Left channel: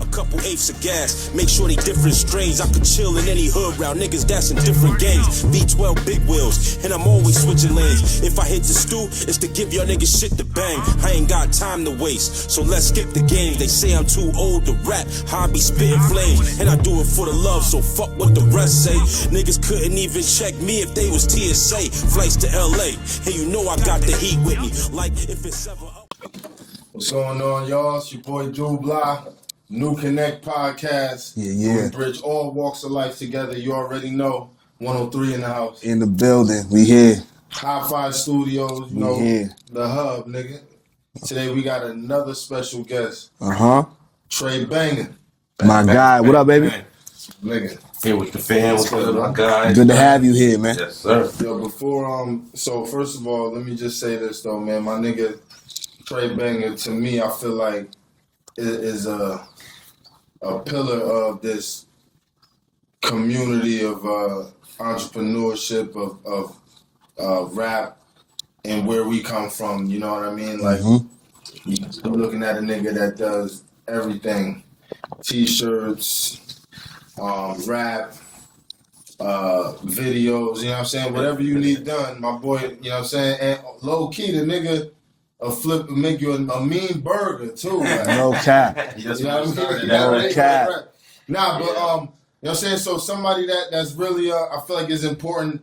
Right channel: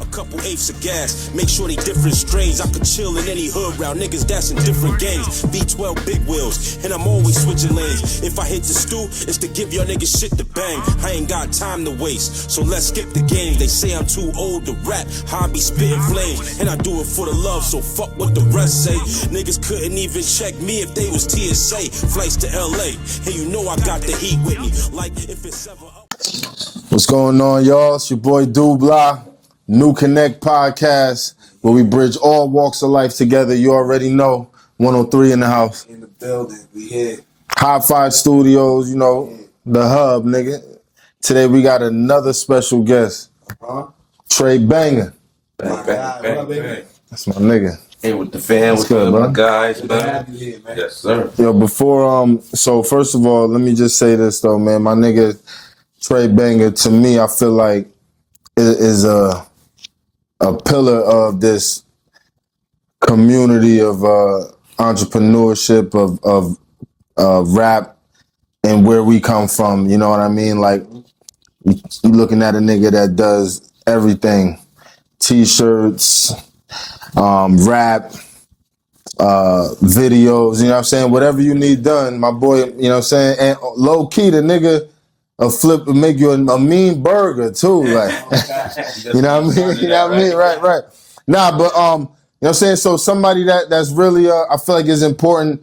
A couple eighths of gas, make sure they different strains. I could chill in any hood round niggas that's in different gangs. V12 big wheels, and I'm always switching lanes. If I hit the stew, it's to give y'all niggas shit to bang. I ain't got time to waste, so let's skip the game. They say I'm too old to rap, how I be spitting flames. And I do it for the love, so fuck what the rest say. Niggas couldn't even check me if they was TSA. Flights to LA, and you know I got the heat with me. Like if it's ever up. What's going on, y'all? It's your boy Dubla. New Connect podcast, where we bridge all walks of life together. You already know. 103 in the house. In the building. We here. High Five Studios, you know, the hub, nigga. Today we got another special guest. Tre Banga. My guy. What up, baby? That's my nigga. Hey, with the fam, what's up, my guys? Good to have you here, man. Yes, sir. Yo, before, so first of all, let me just say this, though, man. My nigga Tre Banga, to me, I feel like is a pillar of this community of entrepreneurship, of rap, and where we come from. You know what I mean? Like, you looking at a nigga that does everything. T-shirts, rap, videos, you know what I'm saying? Whatever you need done, my boy, you know what I'm saying? And low-key, the nigga will make you a mean burger, too. Like, no cap. You know what I mean? You know what I mean? Right. Nah, but, you know what I'm saying? So somebody that's really, I feel like is important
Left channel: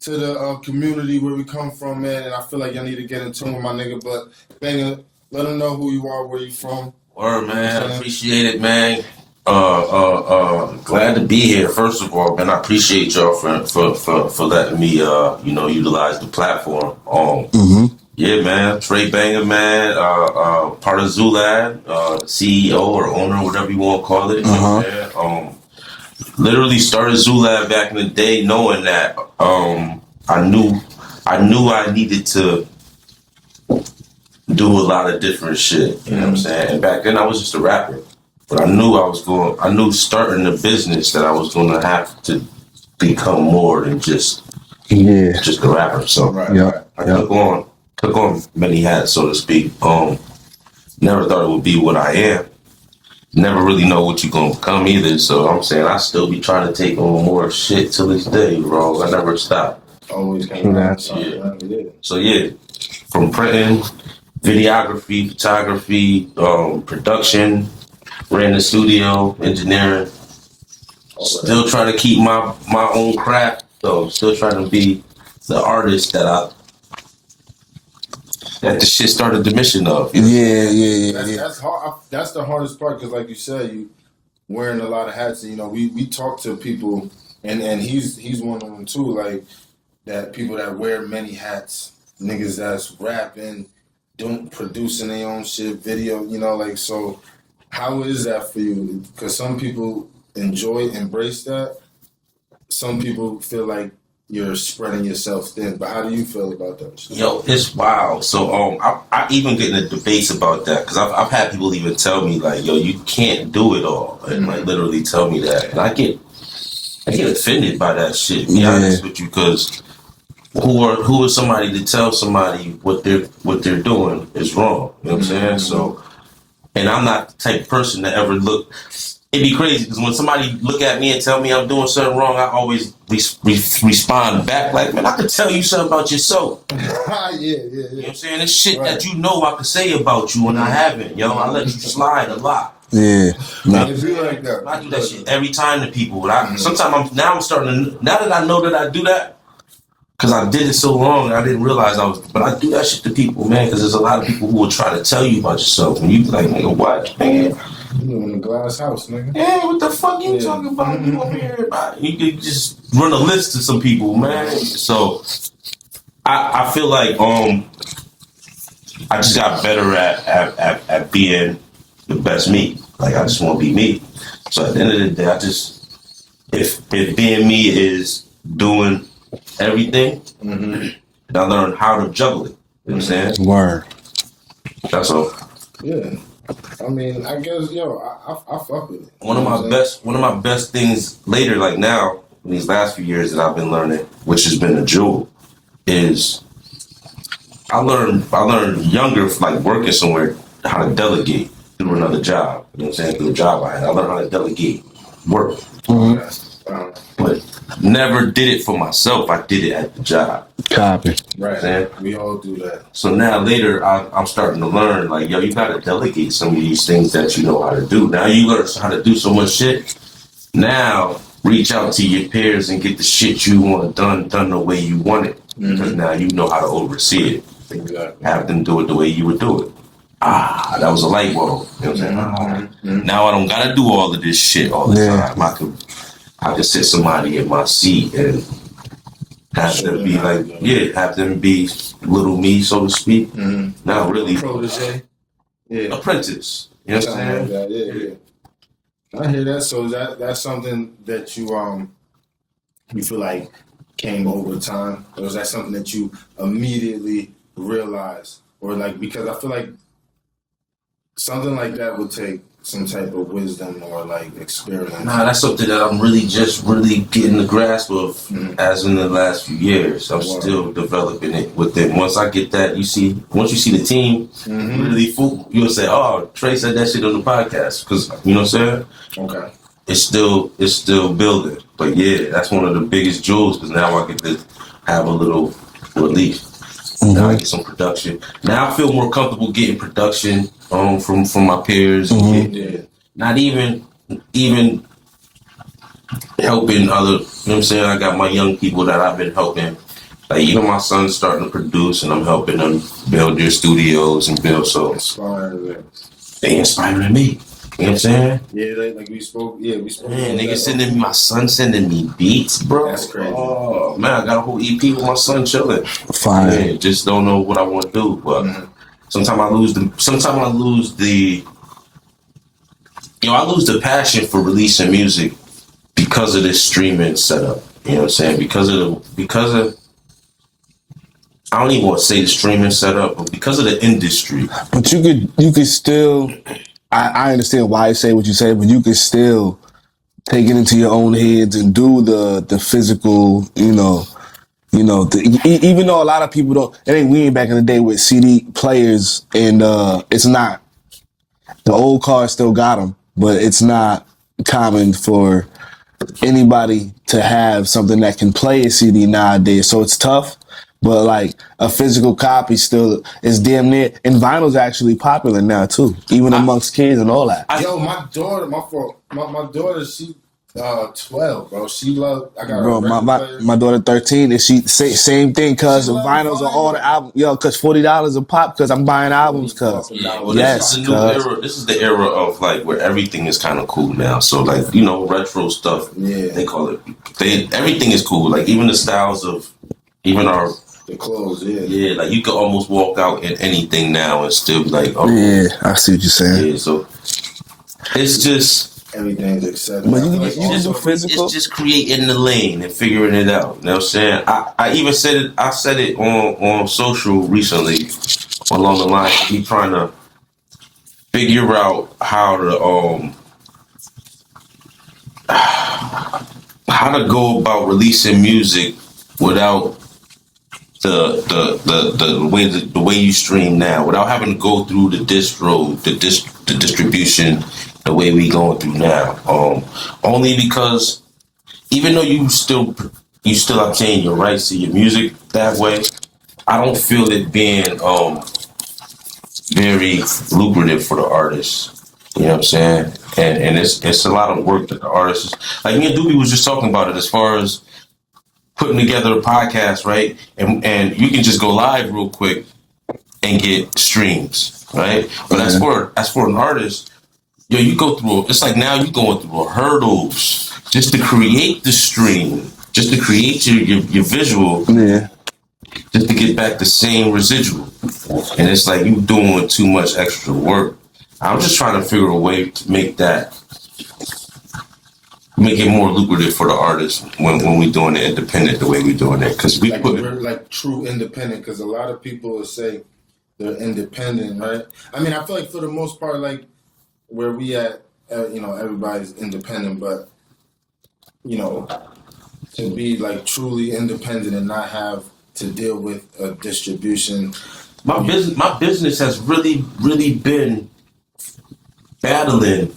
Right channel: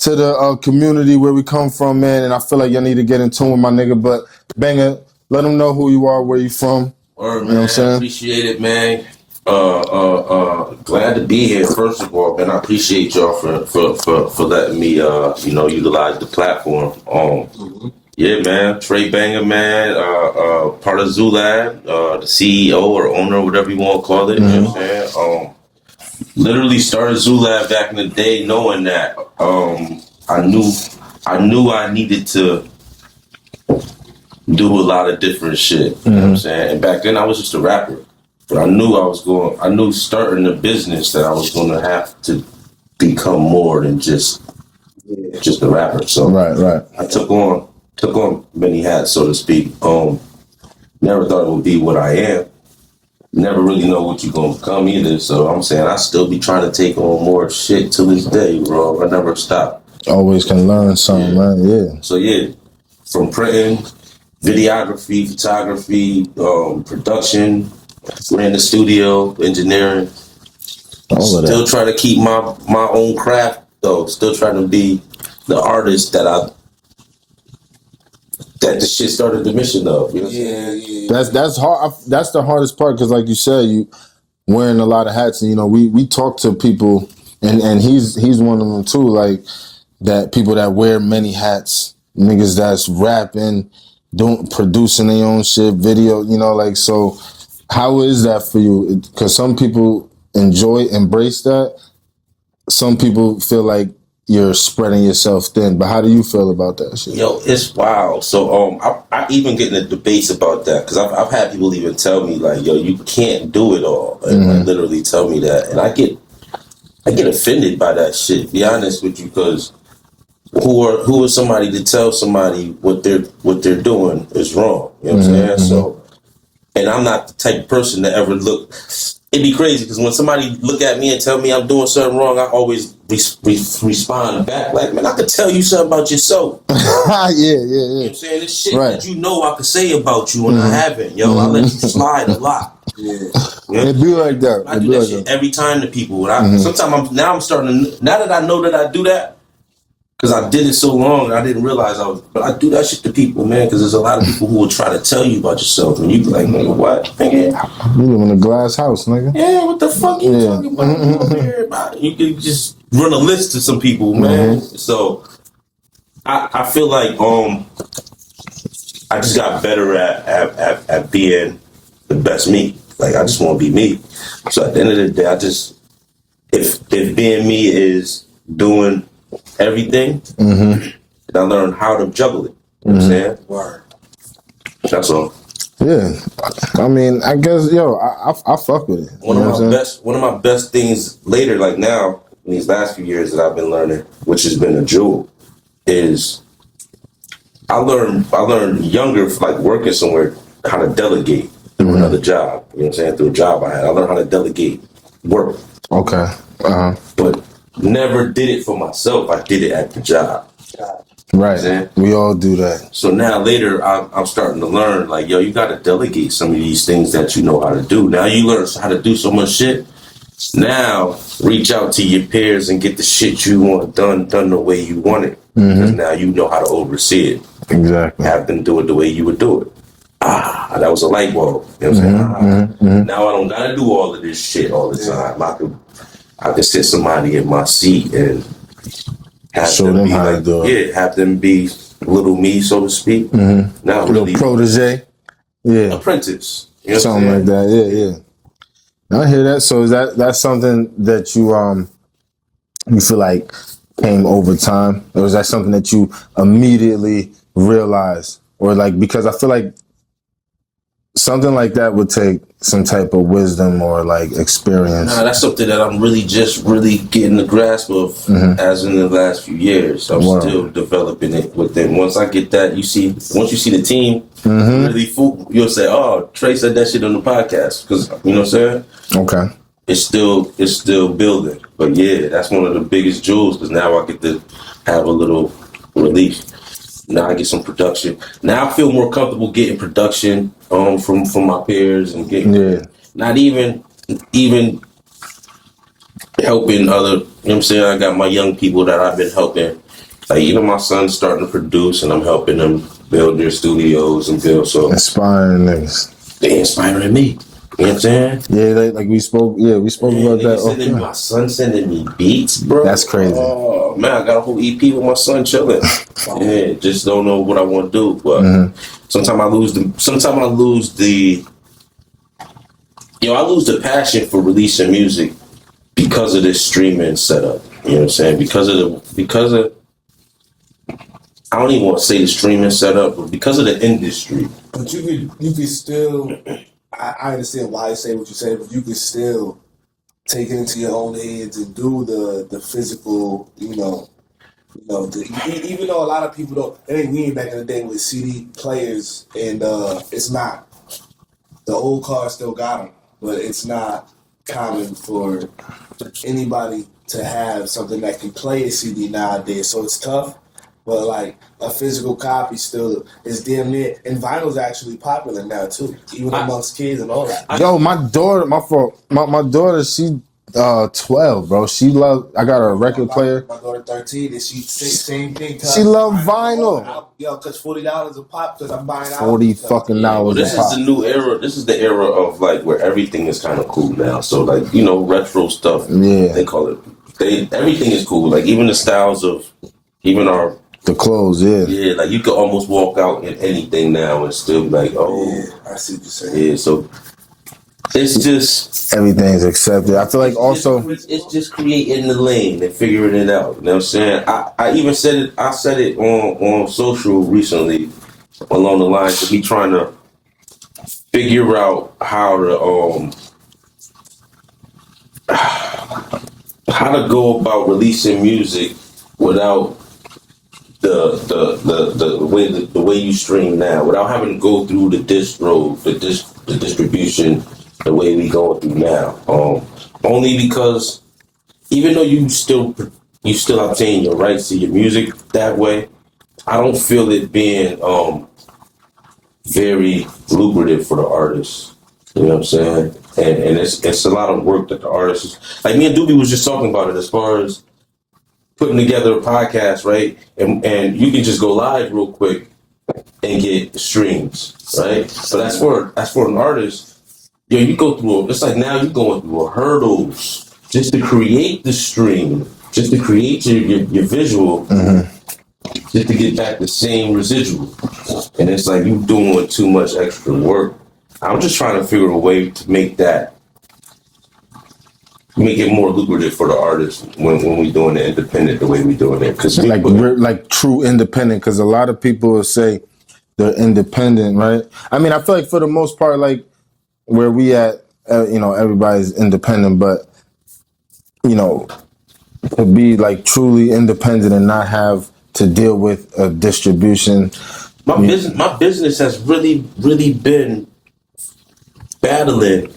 to the community where we come from, man, and I feel like y'all need to get in tune with my nigga. But, Banga, let them know who you are, where you from. Word, man. You know appreciate it, man. Glad to be here, first of all, man. I appreciate y'all for letting me, utilize the platform. Yeah, man. Tre Banga, man. Part of Zulab, the CEO or owner, whatever you want to call it. You know what I'm saying? Literally started Zulab back in the day, knowing that I knew I needed to do a lot of different shit. You know what I'm saying? And back then I was just a rapper. But I knew starting a business that I was going to have to become more than just a rapper. So I took on many hats, so to speak. Never thought it would be what I am. Never really know what you're going to become either. So I'm saying I still be trying to take on more shit to this day, bro. I never stop. Always can learn something, man. Yeah. So from printing, videography, photography, production, ran the studio, engineering. Still trying to keep my own craft, though. Still trying to be the artist that the shit started the mission of. You know? That's hard. That's the hardest part, because like you said, you wearing a lot of hats, and you know we talk to people, and he's one of them too. Like that, people that wear many hats, niggas that's rapping, producing their own shit, video. You know, like, so. How is that for you? Because some people embrace that. Some people feel like you're spreading yourself thin. But how do you feel about that shit? Yo, it's wild. So I even get in the debates about that, because I've had people even tell me like, yo, you can't do it all, and like literally tell me that, and I get offended by that shit. To be honest with you, because who is somebody to tell somebody what they're doing is wrong? You know what I'm saying? So. And I'm not the type of person to ever look. It'd be crazy, because when somebody look at me and tell me I'm doing something wrong, I always respond back like, man, I could tell you something about yourself. Yeah. You know what I'm saying? It's shit that you know I could say about you, and I haven't. Yo, I let you slide a lot. Yeah. Man, it be like that. I do that shit every time to people. Sometimes I'm starting to, now that I know that I do that, because I did it so long, I didn't realize but I do that shit to people, man, because there's a lot of people who will try to tell you about yourself, and you be like, nigga, what? Nigga? You live in a glass house, nigga. Yeah, what the fuck you talking about? You over here about it? You could just run a list to some people, man. So, I feel like, I just got better at being the best me. Like, I just want to be me. So at the end of the day, if being me is doing everything, and I learned how to juggle it. You know what I'm saying? Word. That's all. Yeah. I mean, I guess, I fuck with it. One of my best things later, like now, in these last few years that I've been learning, which has been a jewel, is I learned younger, like working somewhere, how to delegate. through another job. You know what I'm saying? Through a job I had. I learned how to delegate work. Okay. But never did it for myself. I did it at the job. Copy. Right. We all do that. So now later, I'm starting to learn, like, yo, you got to delegate some of these things that you know how to do. Now you learn how to do so much shit. Now reach out to your peers and get the shit you want done the way you want it. Because now you know how to oversee it. Exactly. Have them do it the way you would do it. That was a light bulb. You know what I'm saying? Now I don't got to do all of this shit all the time. I could sit somebody in my seat and have them be like, have them be little me, so to speak. Not really protege. Yeah. Apprentice. You know something like that. Yeah. I hear that. So is that's something that you feel like came over time? Or is that something that you immediately realized? Or like, because I feel like something like that would take some type of wisdom or like experience. Nah, that's something that I'm really getting the grasp of as in the last few years. I'm still developing it within. Once I get that, once you see the team really full, you'll say, oh, Tre said that shit on the podcast. Because, you know what I'm saying? Okay. It's still building. But yeah, that's one of the biggest jewels because now I get to have a little relief. Now I get some production. Now I feel more comfortable getting production from my peers. Not even helping other, you know what I'm saying? I got my young people that I've been helping. Like even my son's starting to produce and I'm helping them build their studios and build. So inspiring niggas. They inspiring me. You know what I'm saying? Yeah, like we spoke about that. My son sending me beats, bro. That's crazy. Oh, man, I got a whole EP with my son chilling. Fine. Man, just don't know what I want to do. But sometimes I lose the passion for releasing music because of this streaming setup. You know what I'm saying? Because of I don't even want to say the streaming setup, but because of the industry. But you could still I understand why you say what you say, but you can still take it into your own heads and do the physical, even though a lot of people don't. We ain't back in the day with CD players, and it's not. The old cars still got them, but it's not common for anybody to have something that can play a CD nowadays. So it's tough. But like a physical copy still is damn near, and vinyl's actually popular now too, even amongst kids and all that. My daughter, she 12, bro. She love. I got a record player. My daughter 13, and she same thing. Cause she love vinyls vinyl. are all the album. Cause $40 a pop. Cause I'm buying albums. Fucking well, this is the new era. This is the era of like where everything is kind of cool now. So like retro stuff. Yeah, they call it. Everything is cool. Like even the styles of the clothes, yeah, like you could almost walk out in anything now and still be like, oh, yeah, I see what you're saying. Yeah, so it's just everything's accepted. I feel like also it's just creating the lane and figuring it out. You know what I'm saying? I even said it. I said it on social recently, along the lines of me trying to figure out how to go about releasing music without the way you stream now, without having to go through the distribution the way we going through now. Only because even though you still obtain your rights to your music that way, I don't feel it being very lucrative for the artists. You know what I'm saying? And it's a lot of work that the artists, like me and Doobie was just talking about it as far as putting together a podcast, right? And you can just go live real quick and get streams, right? But as for an artist, you go through. It's like now you're going through hurdles just to create the stream, just to create your visual, just to get back the same residual. And it's like you doing too much extra work. I'm just trying to figure a way to make it more lucrative for the artists when we doing it independent the way we doing it. Cause like true independent. Cause a lot of people will say they're independent, right? I mean, I feel like for the most part, like where we at, everybody's independent, but to be like truly independent and not have to deal with a distribution. My business has really, really been battling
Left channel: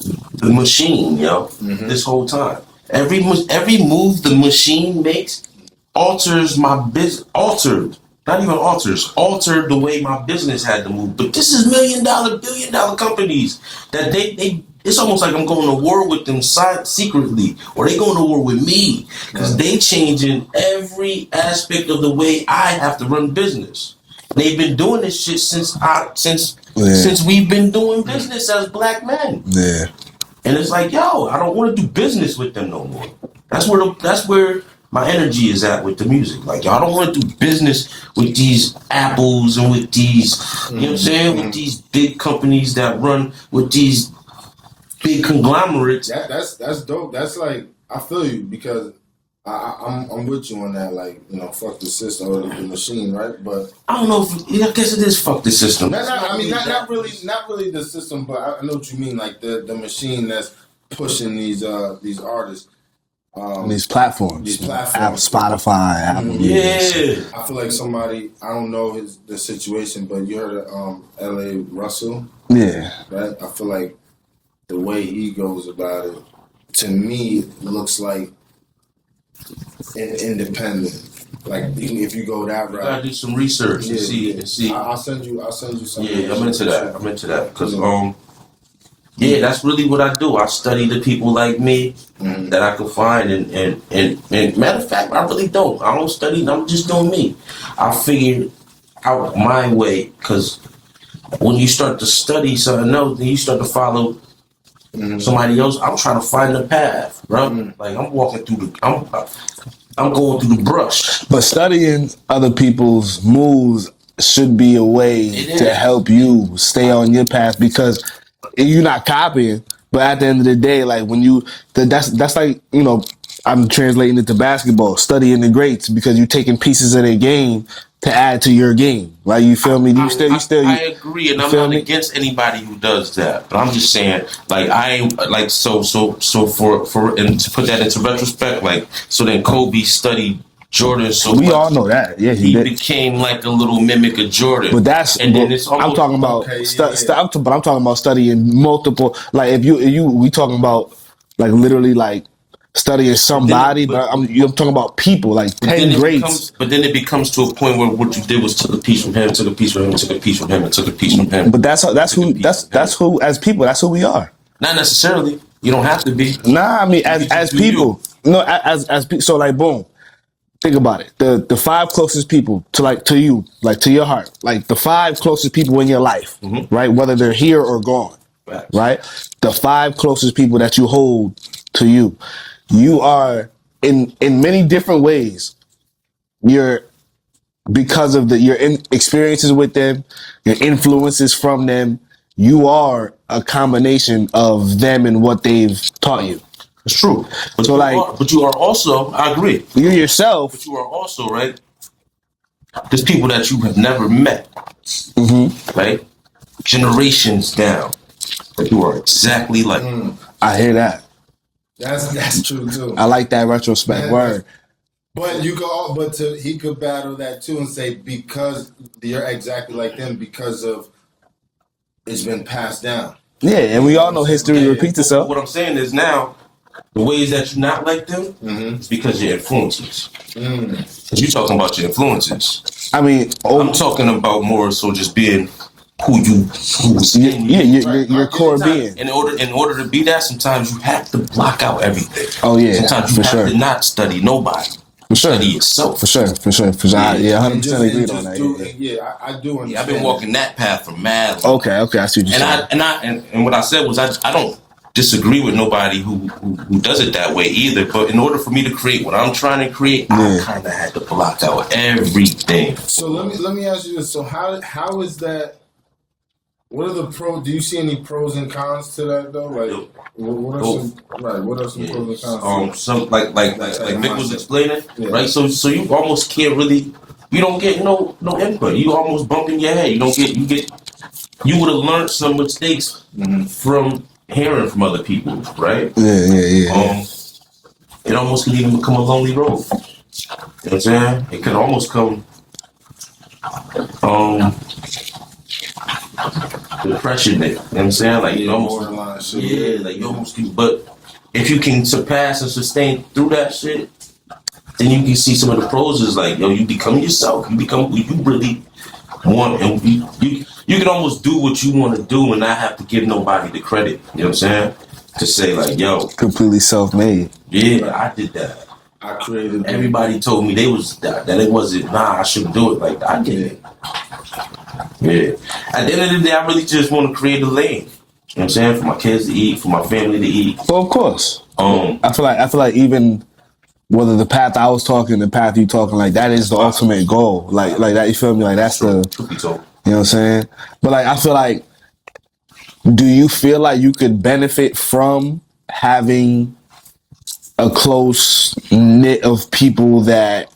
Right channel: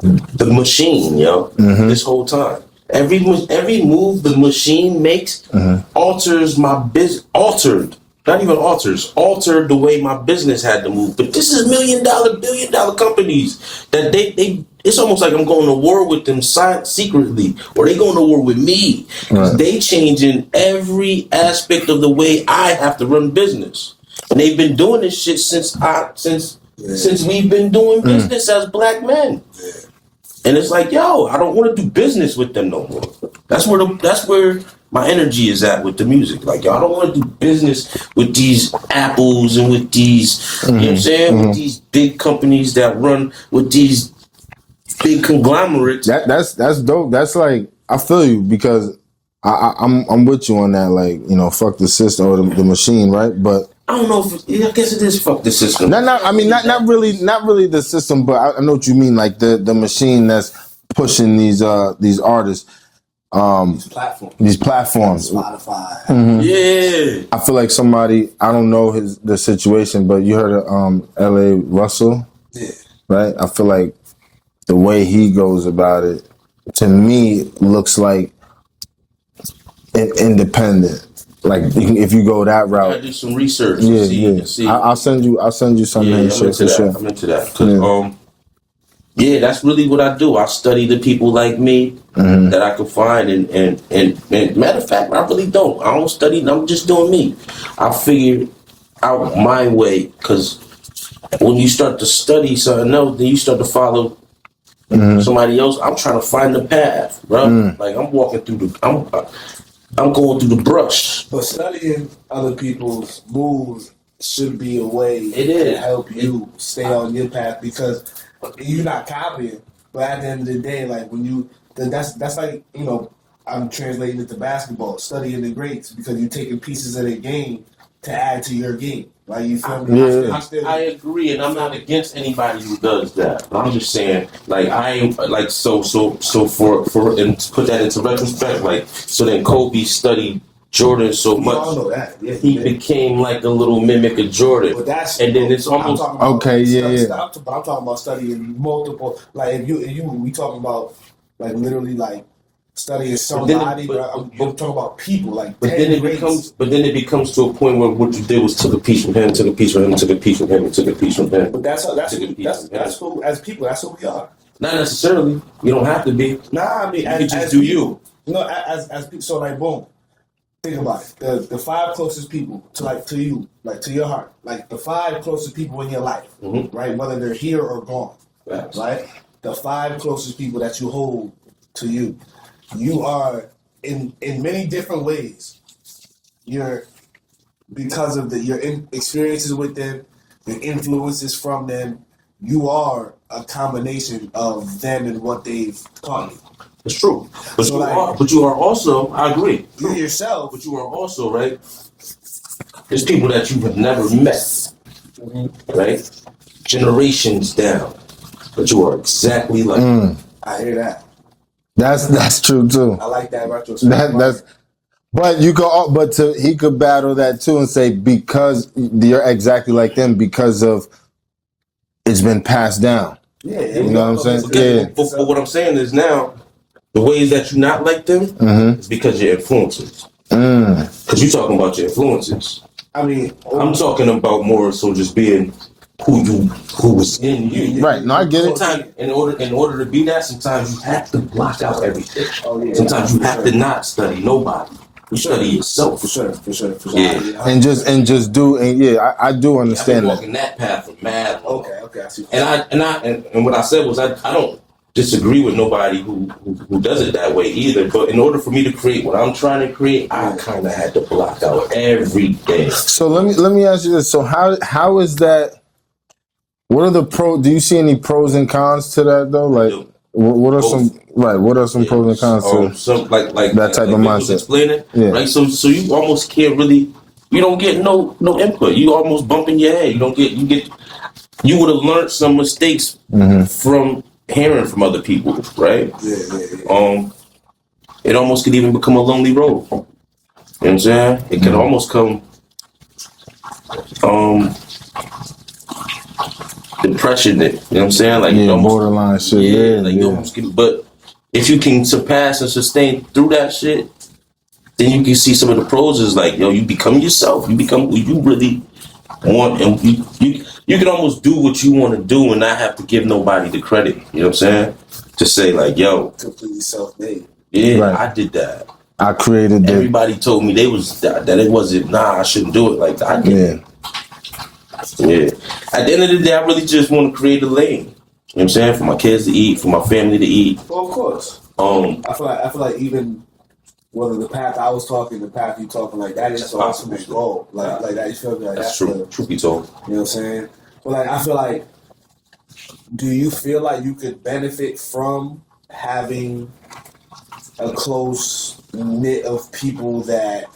the machine, yo. This whole time, every move the machine makes alters my business. Altered the way my business had to move. But this is $1 million, $1 billion companies that they. It's almost like I'm going to war with them secretly, or they going to war with me because they changing every aspect of the way I have to run business. And they've been doing this shit since we've been doing business as black men. Yeah. And it's like, yo, I don't want to do business with them no more. That's where my energy is at with the music. Like, yo, I don't want to do business with these Apples and with these, you know what I'm saying, with these big companies that run with these big conglomerates. That's dope. That's like, I feel you because I'm with you on that. Like, you know, fuck the system or the machine, right? But I don't know if I guess it is fuck the system. Not really the system, but I know what you mean. Like the machine that's pushing these artists, these platforms, Spotify. Yeah, I feel like somebody, I don't know the situation, but you heard of L.A. Russell, Yeah, right? I feel like the way he goes about it, to me, looks like independent. Like if you go that route, I gotta do some research. See. I'll send you something. I'm into that because that's really what I do. I study the people like me that I can find, and matter of fact, I really don't. I don't study. I'm just doing me. I figure out my way because when you start to study something else, then you start to follow somebody else. I'm trying to find the path, bro. Like I'm walking through I'm going through the brush. but studying other people's moves should be a way to help you stay on your path because you're not copying. But at the end of the day, like when that's like, you know, I'm translating it to basketball, studying the greats because you're taking pieces of their game to add to your game. Like, you feel me? I agree, and I'm not against anybody who does that. But I'm just saying, like, I ain't like so for and to put that into retrospect, like, so then Kobe studied Jordan so much. We all know that. Yeah, he became like a little mimic of Jordan. But then it's almost. I'm talking about but I'm talking about studying multiple. Like if we talking about like literally like studying somebody, but I'm talking about people like 10 greats. But then it becomes to a point where what you did was took a piece from him, took a piece from him, took a piece from him, and took a piece from him. But that's who as people, that's who we are. Not necessarily. You don't have to be. Nah, I mean as people. No, as people. So like boom. Think about it. The 5 closest people to you, like to your heart, like the 5 closest people in your life, right? Whether they're here or gone, right? The 5 closest people that you hold to you. You are in many different ways. You're because of your experiences with them, your influences from them. You are a combination of them and what they've taught you. It's true. But you are also, I agree. You're yourself. But you are also, right? There's people that you have never met, right? Generations down. But you are exactly like them. I hear that. That's true too. I like that retrospect word. But he could battle that too and say because you're exactly like them because of it's been passed down. Yeah, and we all know history repeats itself. What I'm saying is now, the ways that you're not like them is because of your influences. Because you're talking about your influences. I mean, I'm talking about more so just being who was in you. Right. No, I get it. In order to be that, sometimes you have to block out everything. Oh yeah. Sometimes you have to not study nobody. Study yourself. For sure. Yeah. And just do. I do understand. I've been walking that path for mad. Okay. I see what you're saying. And what I said was I don't disagree with nobody who does it that way either. But in order for me to create what I'm trying to create, I kind of had to block out everything. So let me ask you this. So how is that? What are the pros? Do you see any pros and cons to that though? Like, what are some pros and cons to some like that type of mindset? Was explaining, right? So you almost can't really. You don't get no input. You almost bump in your head. You would have learned some mistakes from hearing from other people, right? Yeah. It almost could even become a lonely road. You know what I'm saying? It could almost come. depression. You know what I'm saying? Like, Yeah, borderline shit. Yeah, like, you almost get, but if you can surpass and sustain through that shit, then you can see some of the pros is like, yo, you become yourself. You become who you really want, and you can almost do what you want to do and not have to give nobody the credit. You know what I'm saying? To say like, yo, completely self-made. Yeah, Right. I did that. I created that. Everybody told me that it wasn't. Nah, I shouldn't do it like that. I did it. Yeah. At the end of the day, I really just want to create a lane. You know what I'm saying? For my kids to eat, for my family to eat. Well, of course. I feel like even whether the path I was talking, the path you talking, like that is the ultimate goal. Like that. You feel me? Like that's the truth be told. You know what I'm saying? But like I feel like, do you feel like you could benefit from having a close knit of people that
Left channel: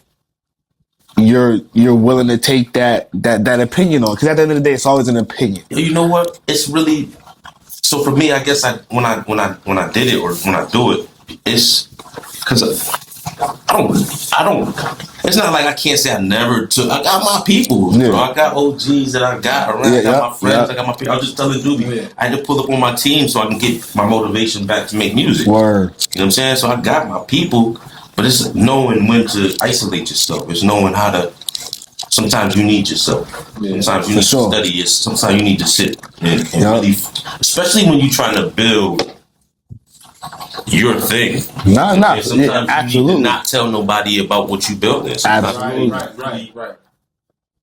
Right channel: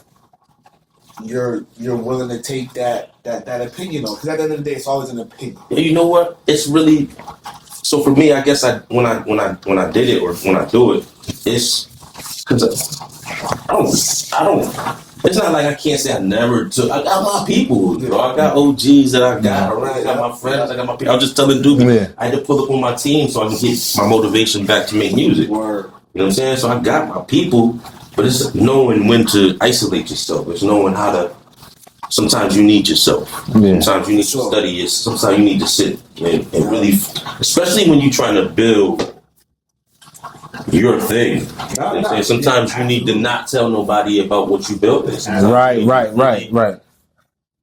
you're willing to take that opinion on? Because at the end of the day, it's always an opinion. You know what? It's really so for me. I guess when I did it or when I do it, it's because I don't. It's not like I can't say I never took. I got my people. Yeah. Bro. I got OGs that I got around. I got my friends. I got my people. I was just telling dude, I had to pull up on my team so I can get my motivation back to make music. Word. You know what I'm saying? So I got my people, but it's knowing when to isolate yourself. It's knowing how to. Sometimes you need yourself. Yeah, sometimes you need to study it. Sometimes you need to sit and really, especially when you're trying to build your thing. Sometimes you need to not tell nobody about what you built. Right.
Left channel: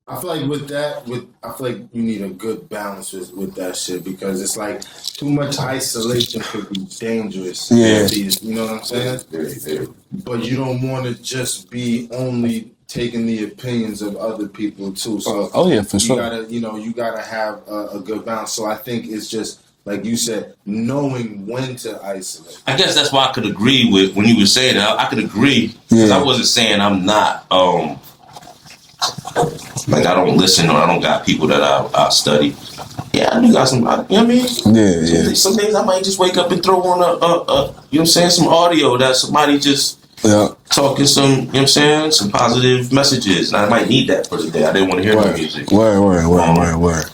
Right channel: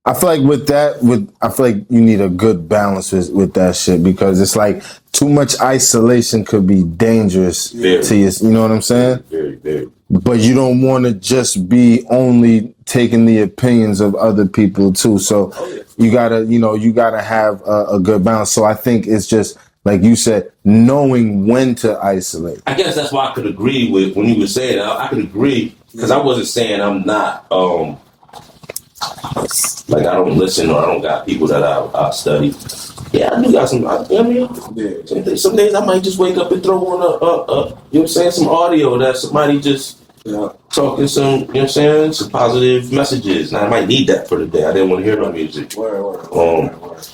I feel like with that, I feel like you need a good balance with that shit, because it's like too much isolation could be dangerous to you. You know what I'm saying? Very, very. But you don't want to just be only taking the opinions of other people too. So you gotta have a good balance. So I think it's just, like you said, knowing when to isolate. I guess that's why I could agree with when you were saying that. I could agree because I wasn't saying I'm not like I don't listen or I don't got people that I study. Yeah, I do got some. You know what I mean? Some days I might just wake up and throw on you know what I'm saying, some audio that somebody just talking some, you know what I'm saying, some positive messages, and I might need that for the day. I didn't want to hear my music. Word.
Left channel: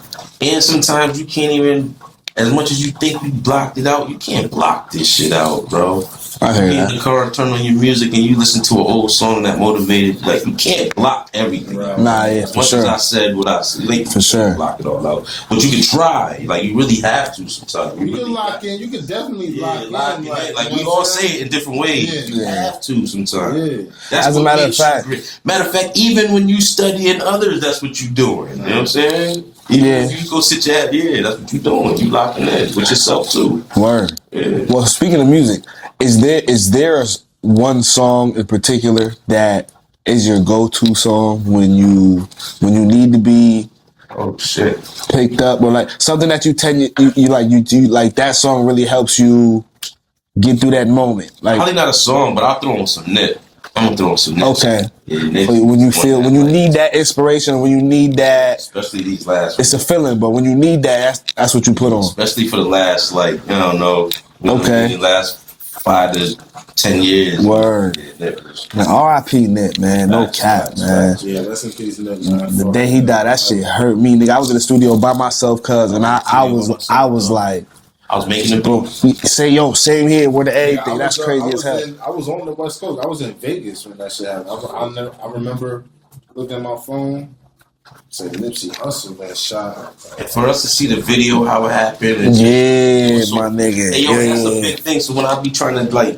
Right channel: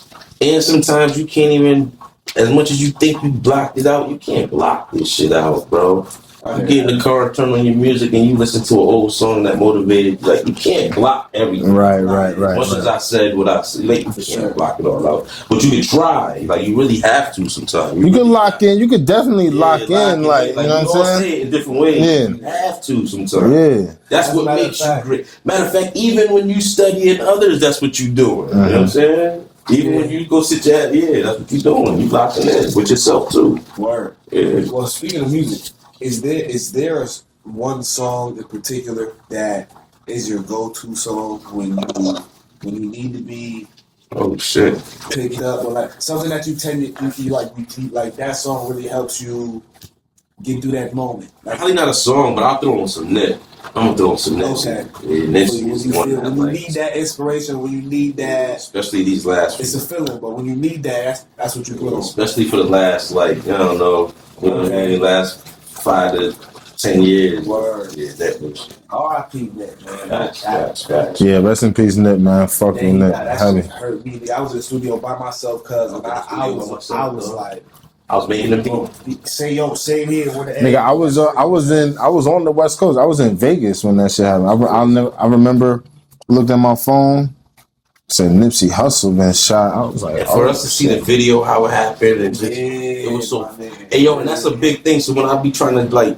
And sometimes you can't even. As much as you think you blocked it out, you can't block this shit out, bro. You get in the car, turn on your music, and you listen to an old song that motivated. Like, you can't block everything. Right. As much as I said what I said, like, you can't block it all out. But you can try. Like, you really have to sometimes. You can lock in. You could definitely lock in. Like we all say it in different ways. You have to sometimes. Yeah. That's what makes you great. Matter of fact, even when you studying others, that's what you're doing. You know what I'm saying? Even if you go sit your ass, that's what you're doing. You locking in with yourself too. Word. Yeah. Well, speaking of music, is there one song in particular that is your go-to song when you need to be picked up, or like something that you like that song really helps you get through that moment? Like, probably not a song, but I'll throw on some Nip. I'm gonna throw on some Nip. Okay. Yeah, when you need that inspiration, when you need that, especially these last. It's a feeling, but when you need that, that's what you put on. Especially for the last, like, I don't know. Last 5 to 10 years. Word. Yeah, that was. Man, R.I.P. Nip, man. No cap, man. Yeah, rest in peace, Nip, man. The day he died, that shit hurt me, nigga. I was in the studio by myself, cuz, and I was like, I was making a book. Say, yo, same here with the egg. Nigga, I was on the West Coast. I was in Vegas when that shit happened. I remember, looked at my phone, said Nipsey Hussle been shot. I was like, for us to see the video, how it happened. And my nigga. Hey, yo, that's a big thing. So when I be trying to, like,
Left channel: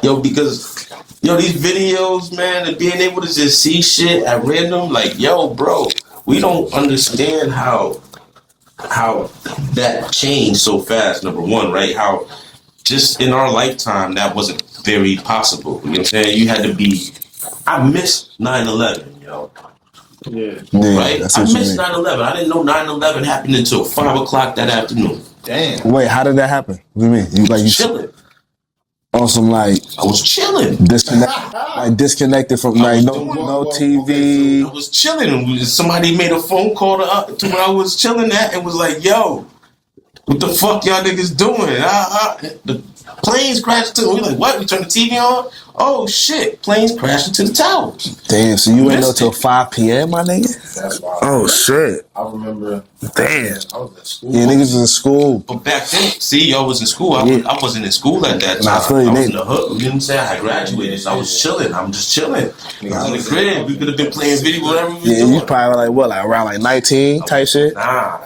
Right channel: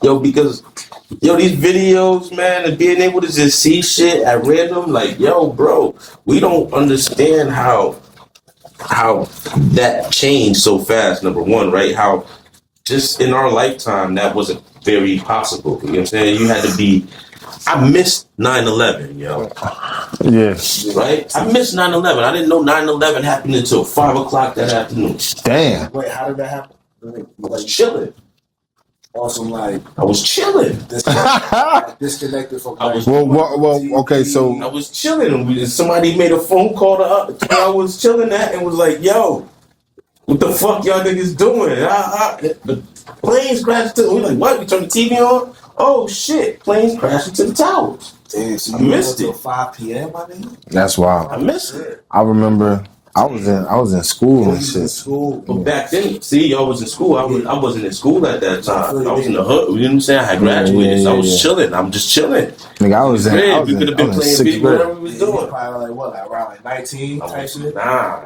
because these videos, man, and being able to just see shit at random, like, yo, bro, we don't understand how that changed so fast, number one, right? How just in our lifetime, that wasn't very possible. You know what I'm saying? You had to be... I missed 9/11, yo. Yeah. Right? I missed 9/11. I didn't know 9/11 happened until 5 o'clock that afternoon. Damn. Wait, how did that happen? What do you mean? You chilling. Awesome, like... I was chilling. Disconnected from, like, no TV. Okay, so... I was chilling. Somebody made a phone call to where I was chilling at and was like, yo, what the fuck y'all niggas doing? Planes crashed into. We like, what? We turned the TV on. Oh shit! Planes crashed into the towers. Damn, so you went up till 5 p.m., my nigga? That's wild. Oh shit! I remember. I was in school. Yeah, niggas in school. But back then, see, y'all was in school. I wasn't in school at that time. I was in the hood. You know what I'm saying? I graduated, so I was chilling. I'm just chilling. Nigga, I was in crib. We could have been playing video, whatever we Yeah, doing. you probably like what, like around like 19 type shit? Nah,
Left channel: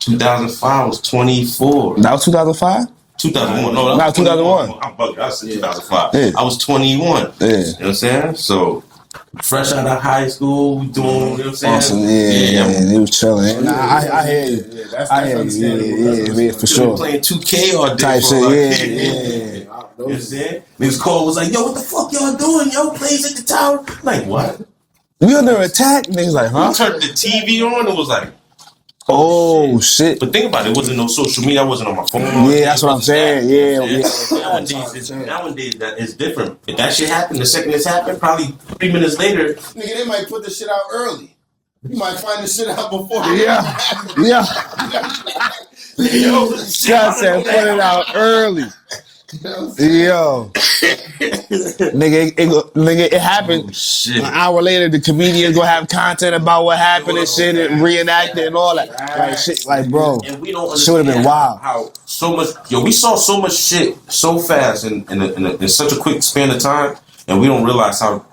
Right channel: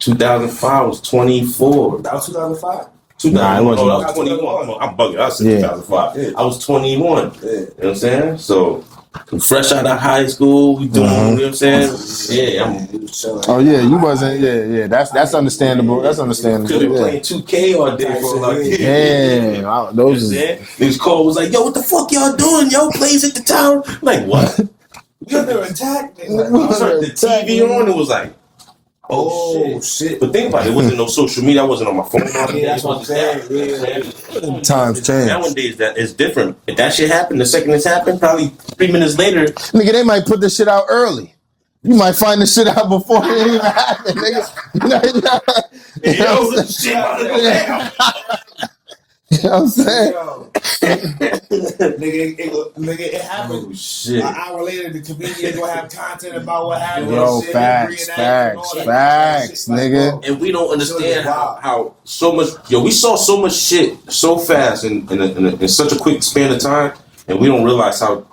2005 was 24. That was 2005? 2001. Nah, No, 2001. I'm bugging. I said Yeah. 2005. Yeah. I was 21. Yeah. You know what I'm saying? So, fresh out of high school, we doing, you know what I'm saying? Awesome. Yeah, he was chilling. Oh yeah, Nah, you wasn't. Yeah. That's understandable. That's understandable. for We sure. been playing 2K all day. Type for shit, like, yeah. Damn, You know those. Niggas call was like, yo, what the fuck y'all doing? Yo, plays at the tower. I'm like, what? We under attack? Niggas like, We huh? turned the TV on and was like, Oh, shit. But think about it, it wasn't no social media. I wasn't on my phone. Yeah, that's what I'm saying. Yeah. Nowadays, Times change. Nowadays, that is different. If that shit happened, the second it's happened, probably 3 minutes later. Nigga, they might put this shit out early. You might find this shit out before it even happens. You know what I'm saying? I said, put it out early. You know what I'm saying? Yo. nigga, it happened. Oh, shit. An hour later, the comedian gonna have content about what happened and Bro, shit facts, and reenact it and all that. facts, Shit, like, nigga. bro. And we don't Should've been understand wild. how so much. Yo, we saw so much shit so fast in such a quick span of time, and we don't realize how.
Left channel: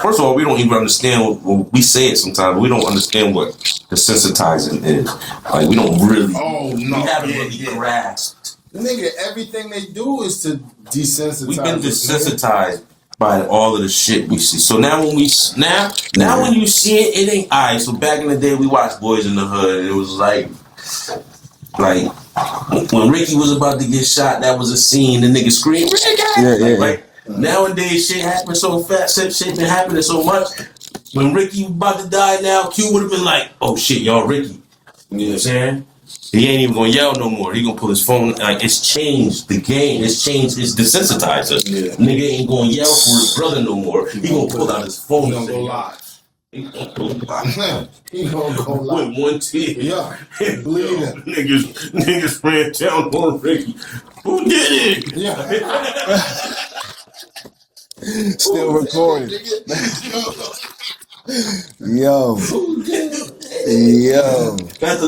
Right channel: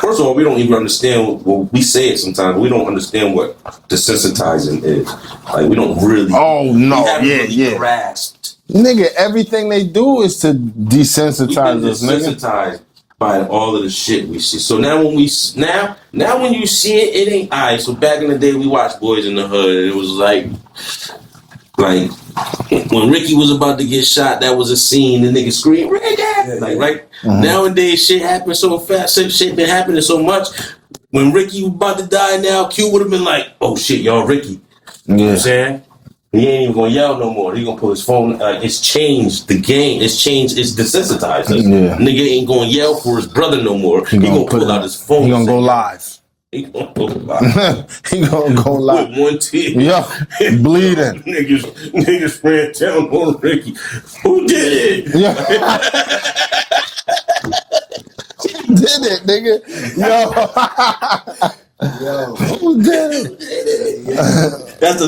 First of all, we don't even understand what we say it sometimes. We don't understand what desensitizing is. Like we don't really. Oh, no. we haven't Yeah, really yeah. grasped. Nigga, everything they do is to We've been desensitize us, nigga. desensitized by all of the shit we see. So now when when you see it, it ain't alright. So back in the day, we watched Boys in the Hood, and it was like when Ricky was about to get shot, that was a scene. The nigga screamed, Ricky! Yeah. Right? Nowadays, shit happens so fast. Shit been happening so much. When Ricky was about to die now, Q would have been like, oh shit, y'all Ricky. You know what I'm saying? He ain't even gonna yell no more. He gonna pull his phone. Like it's changed the game. It's changed. It's desensitized. Yeah. Nigga ain't gonna yell for his brother no more. He gonna pull out his phone. He gonna go live. He gonna go live. He gonna go live. With one tear. Yeah, bleeding. Niggas ran down on Ricky. Who did it? Yeah. Still Who did recording. it, nigga? Yo. Who did it? Yo. That's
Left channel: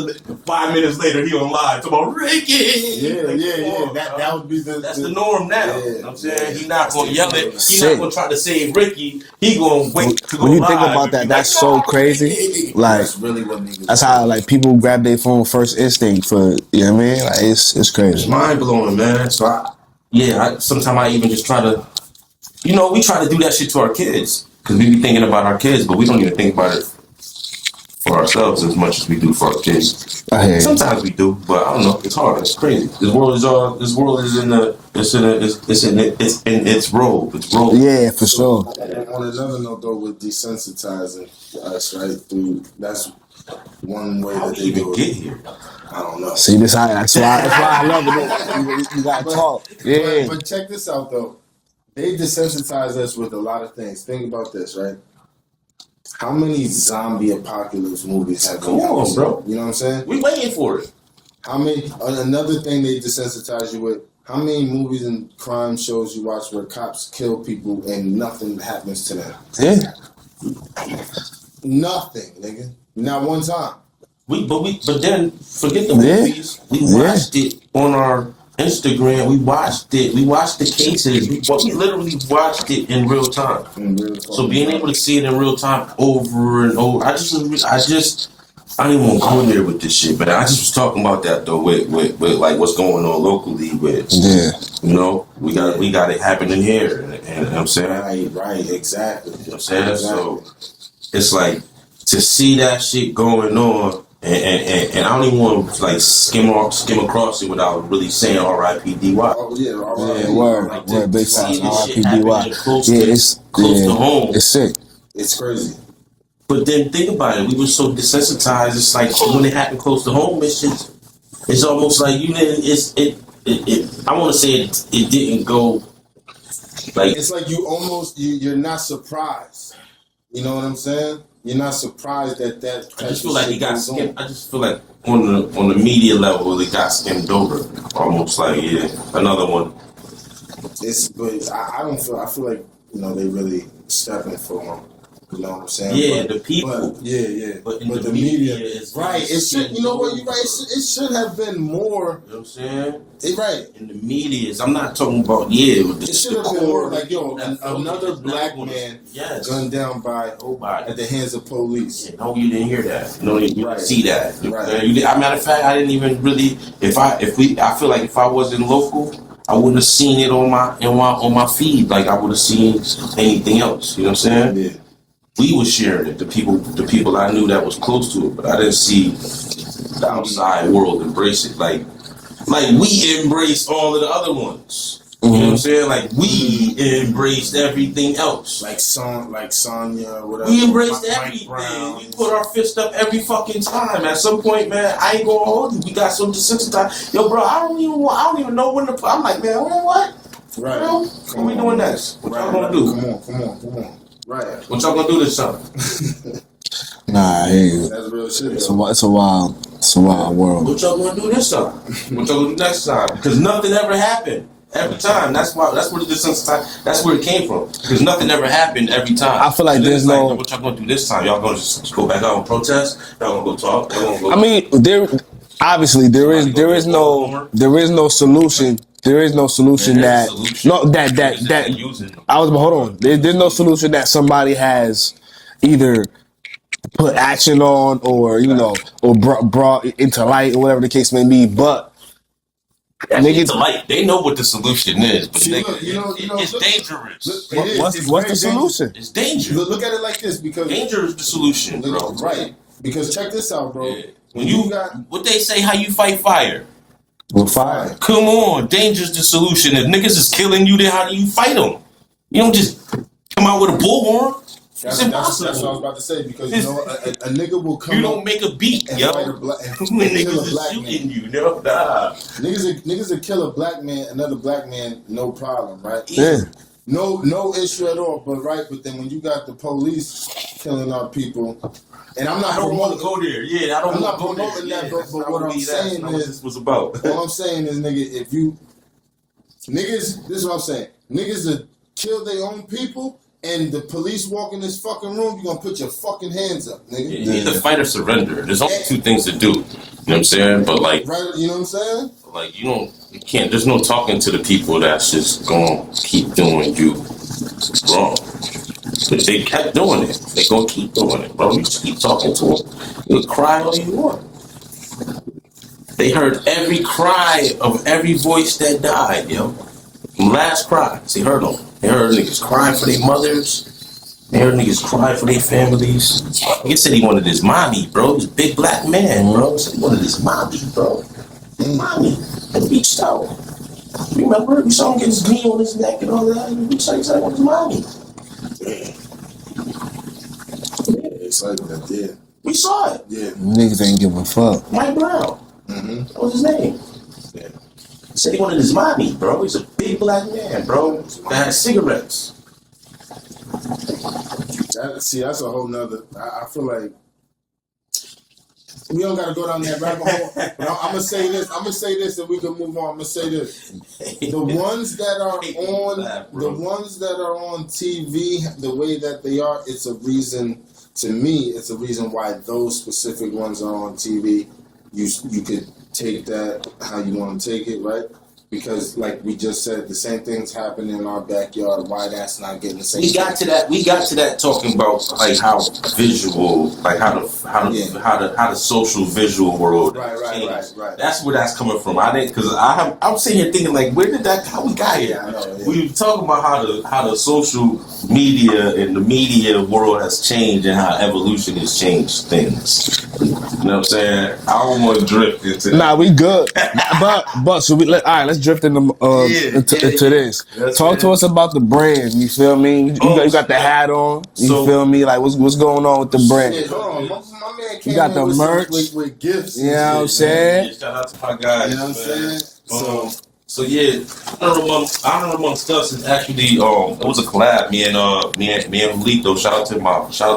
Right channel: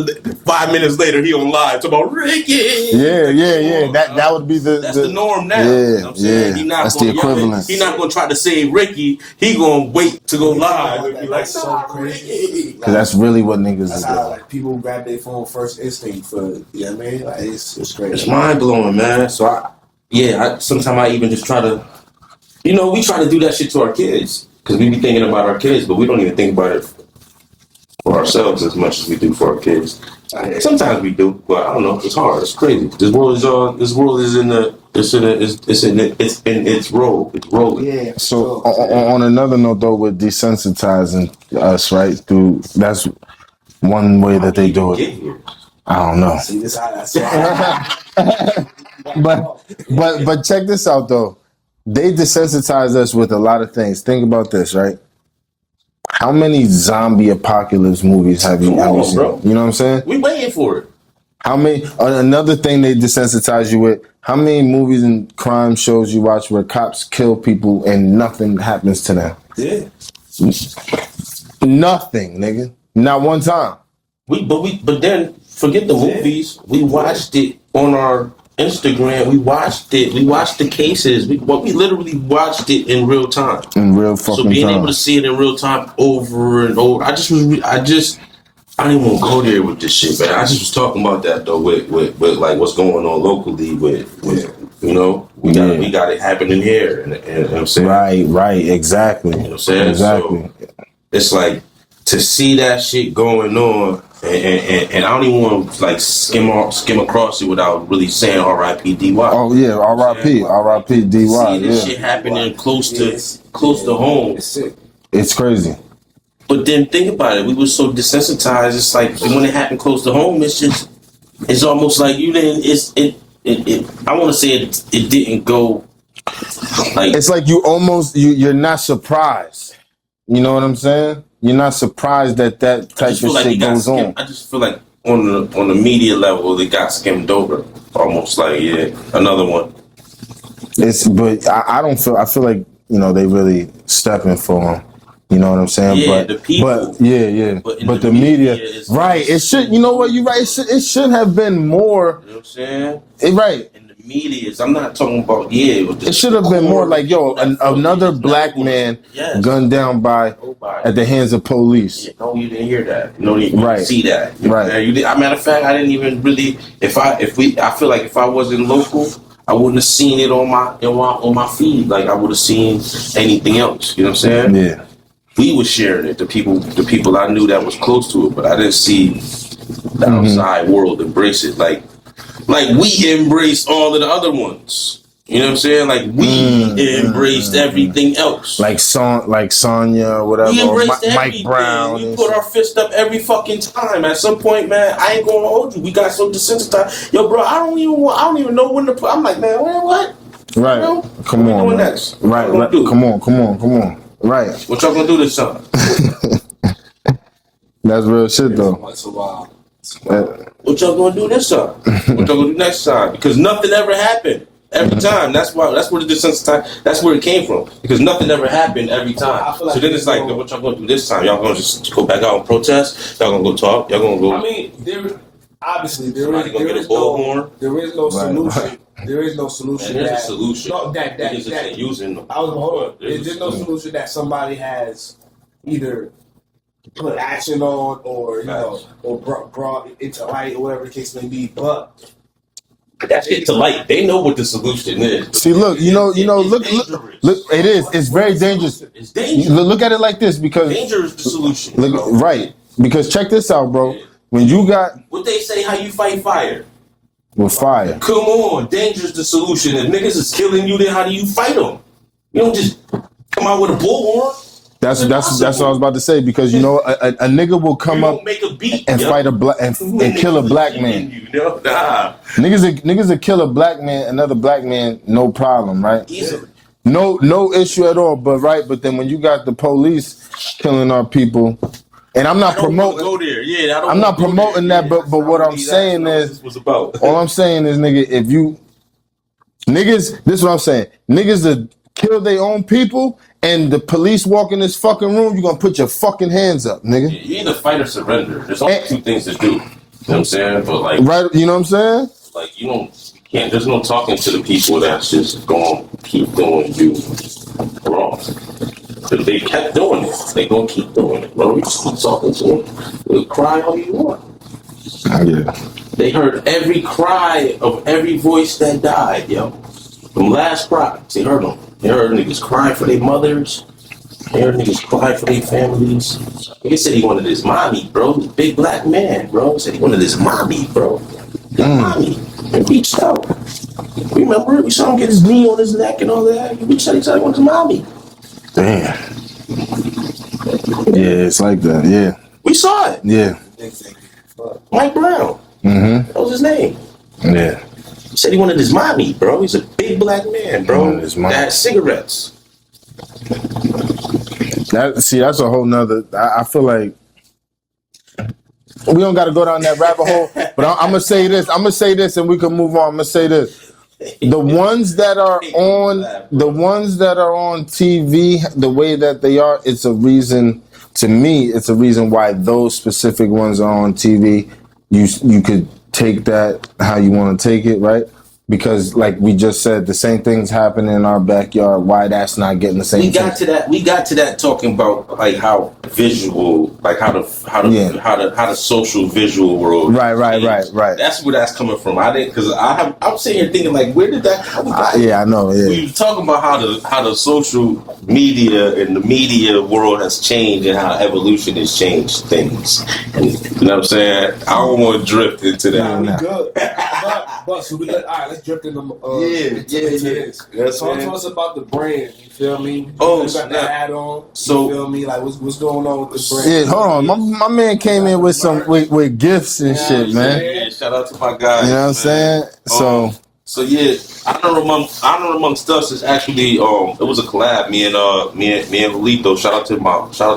5 minutes later. He on live talking about Ricky. Yeah. That would be That's the norm now. Yeah, You know what I'm saying? yeah. He not That's gonna the yell it. equivalent. He not gonna try to save Ricky. He gonna wait to go When you live. think about and that, be that's like, so "Nah, crazy. Ricky." Like, That's really what niggas that's do. how like people grab their phone first instinct for, you know what I mean? Like it's It's crazy. mind blowing, man. So sometimes I even just try to, we try to do that shit to our kids because we be thinking about our kids, but we don't even think about it for ourselves as much as we do for our kids. I hear you. Sometimes we do, but I don't know. It's hard. It's crazy. This world is in its robe. It's robe. Yeah, for So sure. on another note, though, with desensitizing us, right? That's one way that they do Get it. here. I don't know. See, that's why I love it. You gotta talk. Yeah. But check this out, though. They desensitize us with a lot of things. Think about this, right? How many zombie apocalypse movies have you Come on, seen? bro. You know what I'm saying? We waiting for it. How many? Another thing they desensitize you with. How many movies and crime shows you watch where cops kill people and nothing happens to them? Yeah. Nothing, nigga. Not one time. But then forget the Yeah. movies. We watched it on our Instagram. We watched it. We watched the cases. We literally watched it in real time. In real fucking So being time. able to see it in real time over and over, I don't even want to go there with this shit, but I just was talking about that though with like what's going on locally with we got it happening here, and you know what I'm saying, Right, exactly. you know what I'm saying, Exactly. so it's like to see that shit going on, and I don't even want to like skim across it without really saying R.I.P. D.Y. Oh yeah, R.I.P. Yeah, R.I.P. yeah, D.Y. See this shit happening close to home. It's sick. It's crazy. But then think about it. We were so desensitized. It's like when it happened close to home, it's almost like you didn't. I want to say it didn't go like. It's like you're not surprised. You know what I'm saying? You're not surprised that I type just of feel like shit we got goes on. skipped. I just feel like on the media level, it got skimmed over. Almost like another one. But I don't feel. I feel like they really stepping for him. You know what I'm saying? Yeah, but, the people. But yeah. But the media right. It should. You know what? You're right. It should have been more. You know what I'm saying? Right. In the media, I'm not talking about it should have been more like another black man gunned down by at the hands of police. Yeah, no, you didn't hear that. No, you didn't see that. Right. Matter of fact, I didn't even really. I feel like if I wasn't local, I wouldn't have seen it on my feed like I would have seen anything else. You know what I'm saying? Yeah. We were sharing it. The people I knew that was close to it, but I didn't see the outside world embrace it like we embraced all of the other ones. You know what I'm saying? Like we embraced everything else. Like Sonya or whatever. We embraced Mike Brown. We put our fist up every fucking time. At some point, man, I ain't gonna hold you. We got so desensitized. Yo, bro, I don't even know when to. I'm like, man, what? Right. Come on. Doing next? Right. Come on. Right. What y'all gonna do this time? Nah, that's real shit though. It's a wild world. What y'all gonna do this time? What y'all gonna do next time? Because nothing ever happened every time. That's where the desensitized. That's where it came from. Because nothing ever happened every time. I feel like there's what y'all gonna do this time? Y'all gonna just go back out and protest? Y'all gonna go talk? Y'all gonna go? I mean, there is no solution. There is no solution that I was hold on. There's no solution that somebody has either put action on or brought into light or whatever the case may be. But that's into light. They know what the solution is. See, look, it's dangerous. Look, it is. It's very dangerous. It's dangerous. Look at it like this because danger is the solution. Right. Because check this out, bro. Yeah. When you got what they say, how you fight fire? With fire. Come on, danger's the solution. If niggas is killing you, then how do you fight them? You don't just come out with a bullhorn. That's what I was about to say because a nigga will come up make a beat and fight and kill a black man. Niggas will kill a black man, another black man, no problem, right? Yeah. No issue at all. But then when you got the police killing our people. And I'm not promoting. Go there. Yeah, I'm not promoting that. But what I'm saying is, all I'm saying is, nigga, if you niggas, this is what I'm saying. Niggas that kill their own people, and the police walk in this fucking room, you gonna put your fucking hands up, nigga. You either fight or surrender. There's only two things to do. You know what I'm saying? But right, you know what I'm saying? Like you can't. There's no talking to the people that's just gonna keep doing you wrong. Because they kept doing it. They gonna keep doing it, bro. You just keep talking to them. You'll cry all you want. Yeah. They heard every cry of every voice that died, yo. Them last cries. They heard them. They heard niggas cry for their mothers. They heard niggas cry for their families. Nigga said he wanted his mommy, bro. He was a big black man, bro. He said he wanted his mommy, bro. His mommy. And reached out. Remember? We saw him get his knee on his neck and all that. He reached out. He said he wanted his mommy. Damn. Yeah, it's like that. Yeah. We saw it. Yeah. Niggas ain't give a fuck. Mike Brown. Mm-hmm. That was his name. Yeah. He said he wanted his mommy, bro. He's a big black man, bro. That had cigarettes. That's a whole nother. I feel like we don't got to go down that rabbit hole. But I'm gonna say this. And we can move on. I'm gonna say this. The ones that are on TV, the way that they are, it's a reason. To me, it's a reason why those specific ones are on TV. You could take that how you want to take it, right? Because, like we just said, the same things happen in our backyard. Why that's not getting the same? We got to that talking about like how visual, like how the social visual world. Right. That's where that's coming from. I'm sitting here thinking like, where did that? How we got I know. Yeah. We were talking about how the social media and the media world has changed and how evolution has changed things. And, you know what I'm saying? I don't want to drift into that. Nah, we good. but so all right. Let's drift into this. Yes, Talk to us about the brand. You feel me? You got the hat on. You feel me? Like what's going on with the brand? Yeah, hold on. My man came in with some with gifts and shit, man. Yeah, shout out to my guys. You know what I'm saying? So yeah, honor amongst us is actually it was a collab. Me and Julito. Shout out to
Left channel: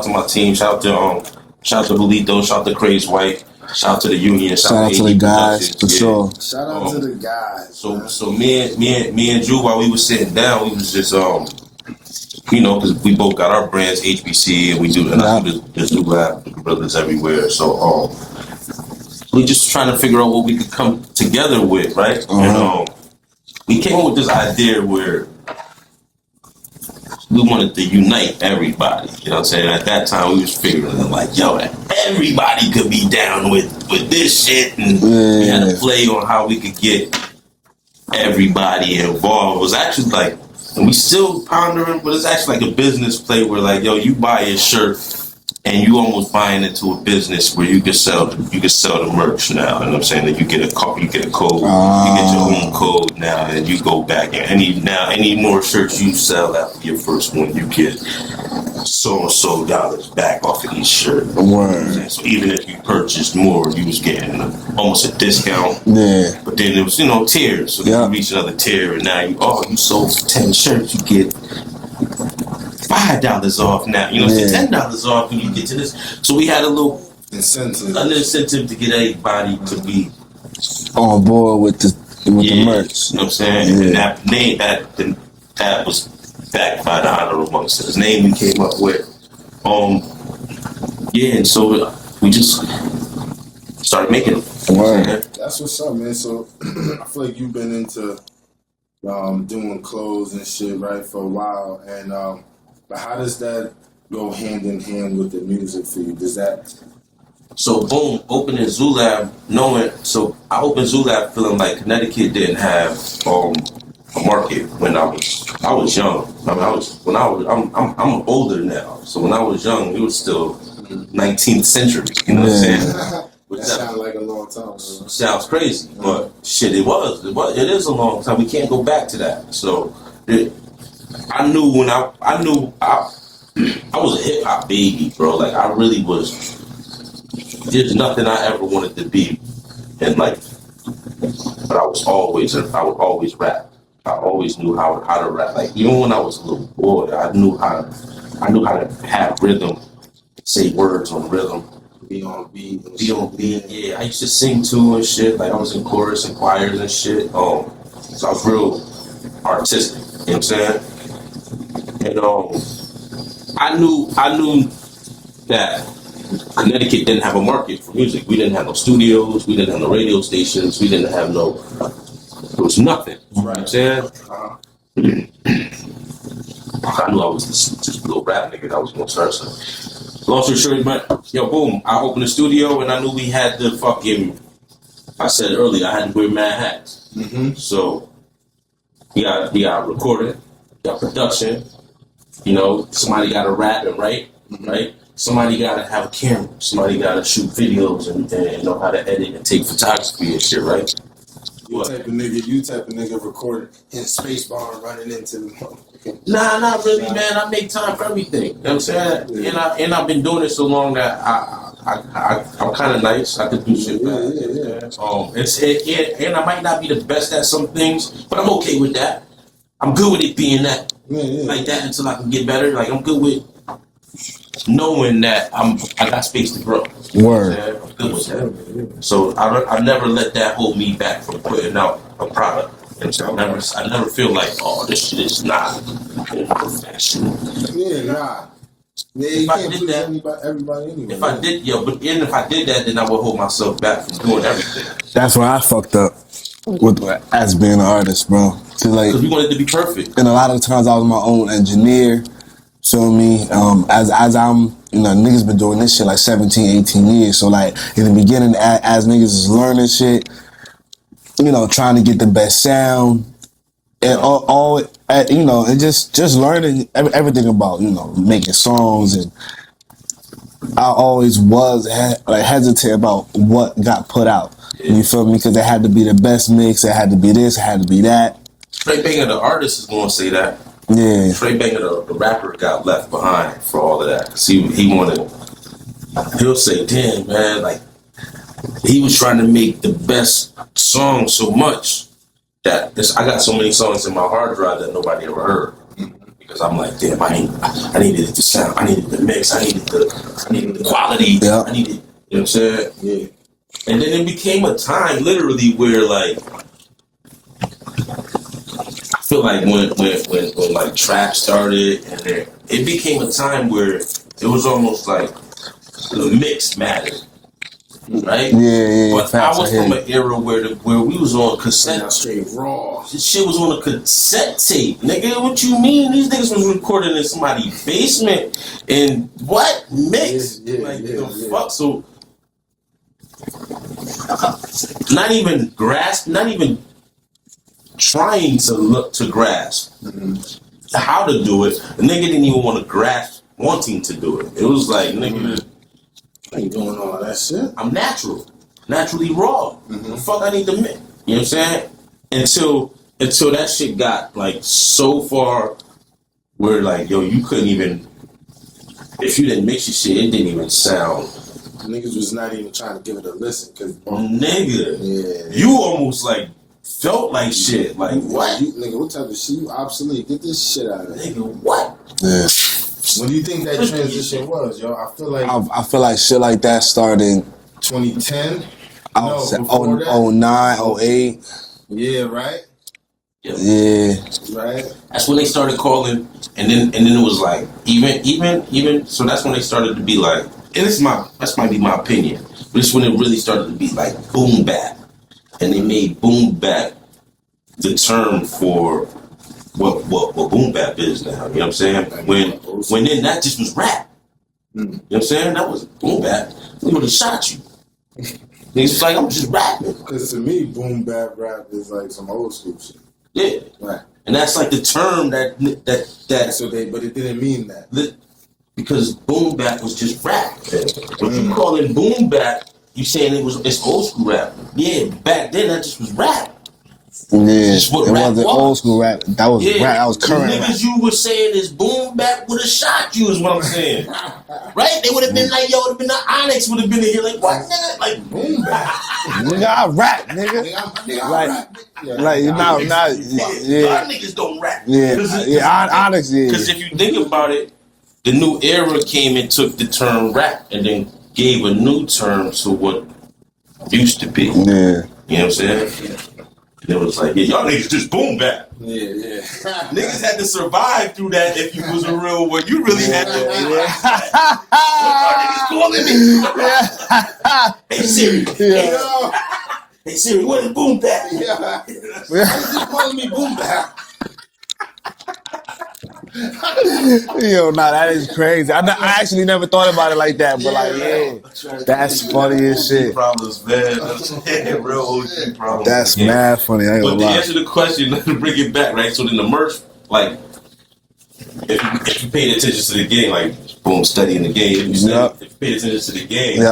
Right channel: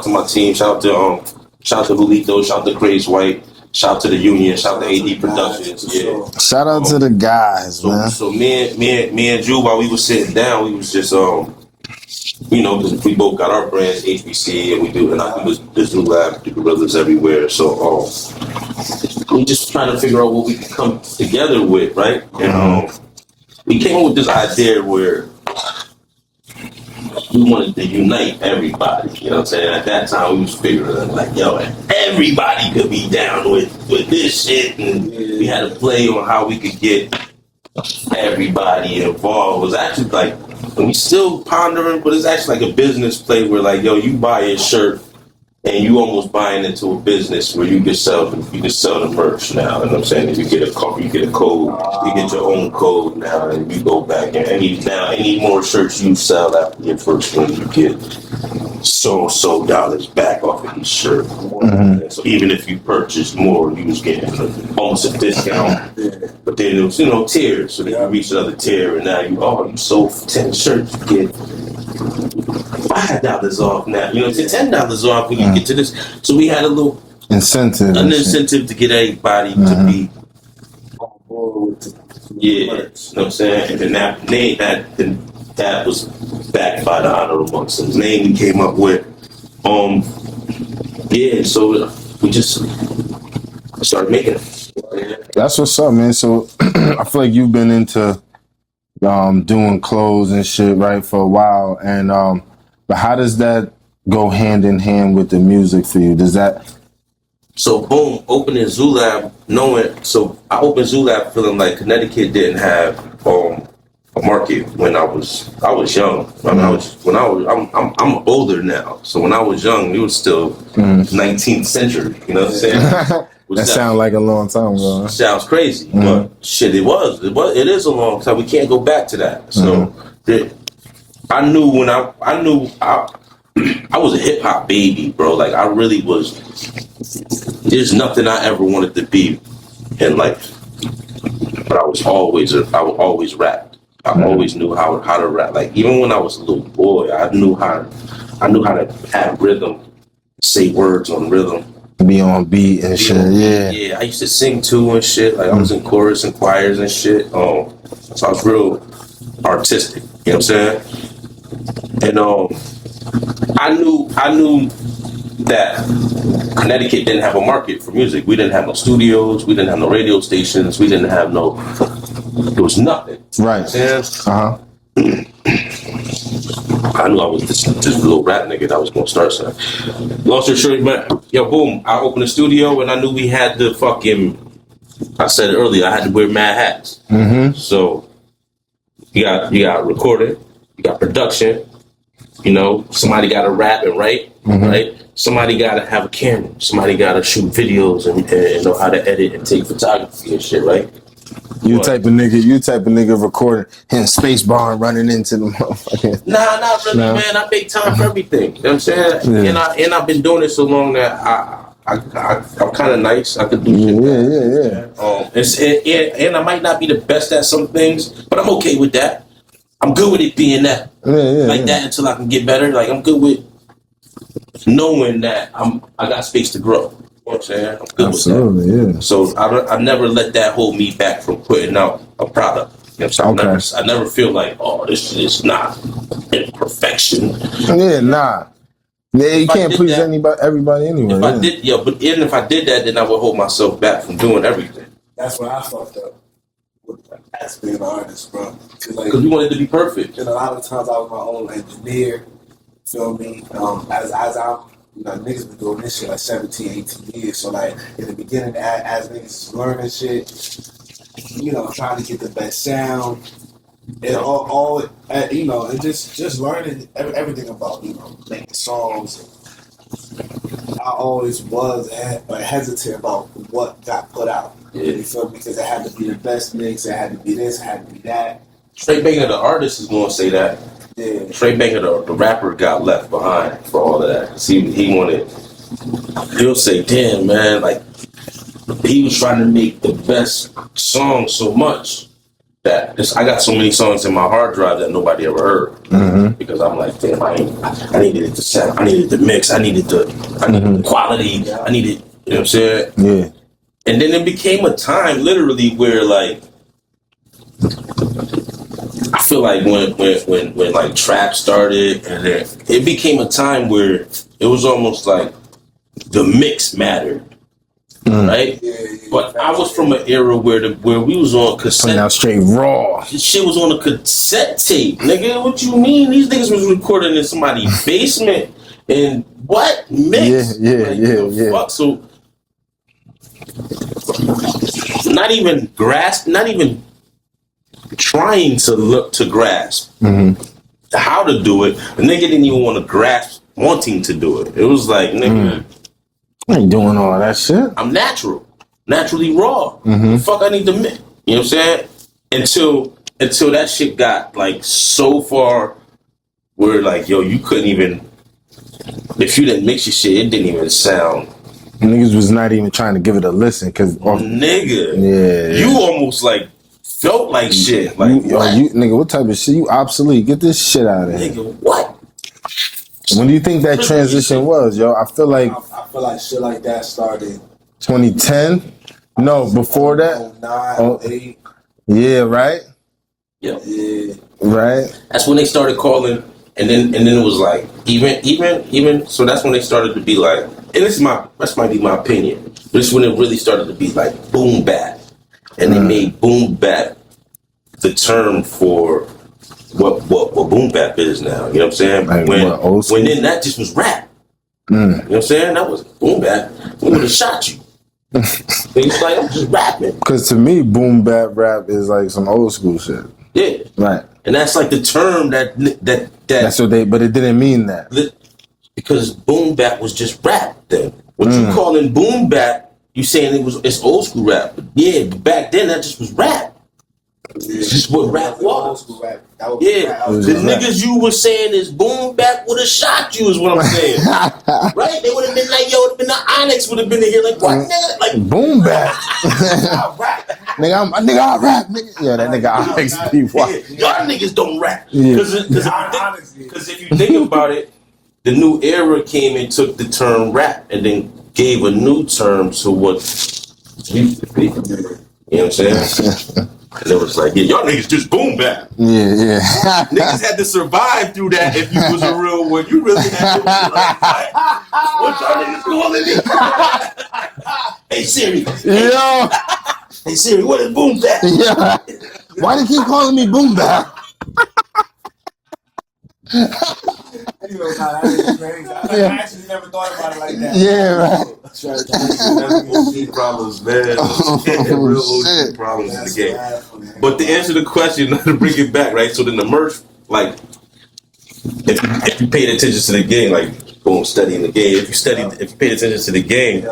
my team. Shout out to Julito. Shout out to Craze White. Shout out to the union. Shout out to the AD guys, Productions. for sure. Shout out to the guys, man. So me and Drew, while we was sitting down, we was just because we both got our brands, HBC, and we do the Zoo Lab, the Gorillas everywhere. So we just trying to figure out what we could come together with, right? We came up with this idea where we wanted to unite everybody. You know what I'm saying? At that time, we was figuring like, yo, everybody could be down with this shit, and we had to play on how we could get everybody involved. It was actually like, and we still pondering, but it's actually like a business play where like, yo, you buy a shirt and you almost buying into a business where you can sell the merch now. You know what I'm saying? And you get a code, you get your own code now, and you go back and any more shirts you sell after your first one, you get so dollars back off of each shirt. You know what I'm saying? So even if you purchased more, you was getting almost a discount. Yeah. But then there was, tiers. So then you reach another tier, and now you sold 10 shirts, you get $5 off now. You know, $10 off when you get to this. So we had a little incentive to get everybody to be on board with the merch. You know what I'm saying? And that was backed by the Honorable Monks. Name we came up with. And so we just started making it. Wow. That's what's up, man. So I feel like you've been into doing clothes and shit, right, for a while. And but how does that go hand in hand with the music for you? Does that... So boom, opening Zoo Lab, I opened Zoo Lab feeling like Connecticut didn't have a market when I was young. I'm older now. So when I was young, it was still 19th century. You know what I'm saying? That sounds like a long time ago. Sounds crazy, but shit, it is a long time. We can't go back to that. So I knew when I was a hip hop baby, bro. Like I really was. There's nothing I ever wanted to be in life, but I would always rap. I always knew how to rap. Like even when I was a little boy, I knew how to have rhythm, say words on rhythm, be on beat and shit. Yeah, I used to sing too and shit. Like I was in chorus and choirs and shit. So I was real artistic. You know what I'm saying? And I knew that Connecticut didn't have a market for music. We didn't have no studios. We didn't have no radio stations. We didn't have there was nothing. Right. You know what I'm saying? I knew I was this little rap nigga that was going to start something. Long story short, man, boom, I opened the studio and I knew we had the I said earlier, I had to wear mad hats. So you got recording, you got production, somebody got to rap and write, right? Somebody got to have a camera. Somebody got to shoot videos and know how to edit and take photography and shit, right? You type of nigga recording, hitting space bar and running into the motherfucker. Nah, not really, man. I make time for everything. You know what I'm saying? Yeah. And I've been doing it so long that I'm kind of nice. I could do shit. Yeah. And I might not be the best at some things, but I'm okay with that. I'm good with it being that. That until I can get better. Like I'm good with knowing that I got space to grow. Word. I'm good Absolutely, with that. Yeah. So I never let that hold me back from putting out a product. You know what I'm saying? I never feel like, this shit is not in perfection. Yeah, nah. Yeah, you can't please everybody anyway. If I did that, then I would hold myself back from doing everything. That's where I fucked up with as being an artist, bro. Because you wanted to be perfect. And a lot of times I was my own engineer. Feel me? As I'm, niggas been doing this shit like 17, 18 years. So like in the beginning, as niggas is learning shit, trying to get the best sound and and just learning everything about, making songs. And I always was hesitant about what got put out. Yeah. You feel me? Because it had to be the best mix. It had to be this. It had to be that. Tre Banga, the artist, is going to say that. Yeah. Tre Banga, the rapper, got left behind for all of that. Because he'll say, damn, man, like, he was trying to make the best song so much that I got so many songs in my hard drive that nobody ever heard. Because I'm like, damn, I needed the sound, I needed the mix, I needed the quality, I needed, you know what I'm saying? Yeah. And then it became a time, literally, where like I feel like when like trap started, and then it became a time where it was almost like the mix mattered, right? Yeah. But I was from an era where we was on Putting cassette. out straight raw. This shit was on a cassette tape, nigga. What you mean? These niggas was recording in somebody's basement and what mix? Yeah. Fuck? So not even trying to look to grasp how to do it. The nigga didn't even want to grasp wanting to do it. It was like, nigga, I ain't doing all that shit. I'm naturally raw. The fuck I need to mix. You know what I'm saying? Until that shit got like so far where like, yo, you couldn't even, if you didn't mix your shit, it didn't even sound. Niggas was not even trying to give it a listen because Nigga, you almost like felt like shit. Like what? Nigga, what type of shit? You obsolete. Get this shit out of here. Nigga, what? Yeah. When do you think that transition was, yo? I feel like shit like that started 2010. No, before that. 09, 08. Yeah, right? Yeah. Right? That's when they started calling, and then it was like even so that's when they started to be like, and this might be my opinion, but it's when it really started to be like boom bap, and they made boom bap the term for what boom bap is now. You know what I'm saying? Like when then that just was rap. You know what I'm saying? That was boom bap. We would have shot you. It's like I'm just rapping. Because to me, boom bap rap is like some old school shit. Yeah. Right. And that's like the term That's what but it didn't mean that. Because boom bap was just rap then. What you calling boom bap, you saying it's old school rap. Yeah, back then that just was rap. Yeah, just what it rap wasn't was. Old school rap. That was rap. That was Because current. niggas you were saying is boom bap would have shot you is what I'm saying. Right? They would have been like, yo, would have been the Onyx would have been in here like, what nigga? Like boom bap. Nigga, I rap, nigga. I rap, nigga. Yeah, Like, y'all niggas don't rap. Honestly, Because if you think about it, the new era came and took the term rap and then gave a new term to what used to be. Yeah. You know what I'm saying? And it was like, yeah, y'all niggas just boom bap. Yeah. Niggas had to survive through that if you was a real one. You really had to. What y'all niggas calling me? Hey Siri. Yeah. Hey Siri, what is boom bap? Yeah. Why you keep calling me boom bap? Yo, that is crazy. I actually never thought about it like that. Yeah, That's funny as shit. Problems, man. Real OG problems. That's mad funny. But to answer the question, to bring it back, right? So then the merch, like, if you paid attention to the game, like, boom, studying the game. If you paid attention to the game,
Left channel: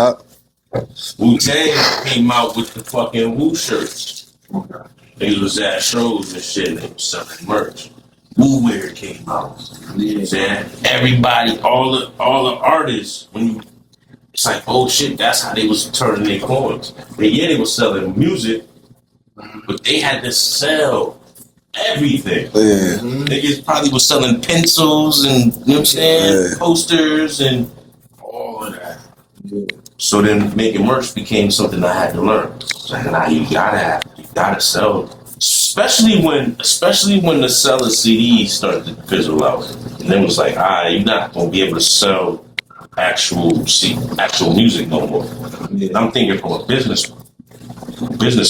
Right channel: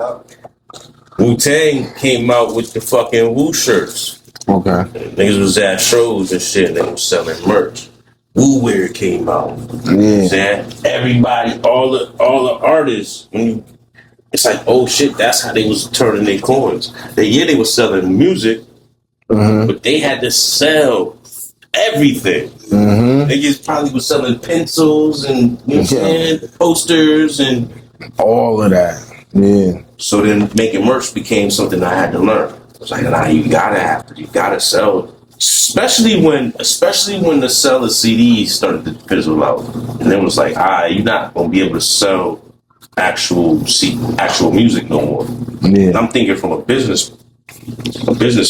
Wu-Tang came out with the fucking Wu shirts. Okay. Niggas was at shows and shit, and they was selling merch. Wu Wear came out. You know what I'm saying? Everybody, all the artists, it's like, oh shit, that's how they was turning their coins. They were selling music, but they had to sell everything. Niggas probably was selling pencils and, you know what I'm saying, posters and all of that. Yeah. So then making merch became something I had to learn. It's like, nah, you gotta sell. Especially when the sell of CDs started to fizzle out. And then it was like, you're not gonna be able to sell actual music no more. Yeah. And I'm thinking from a business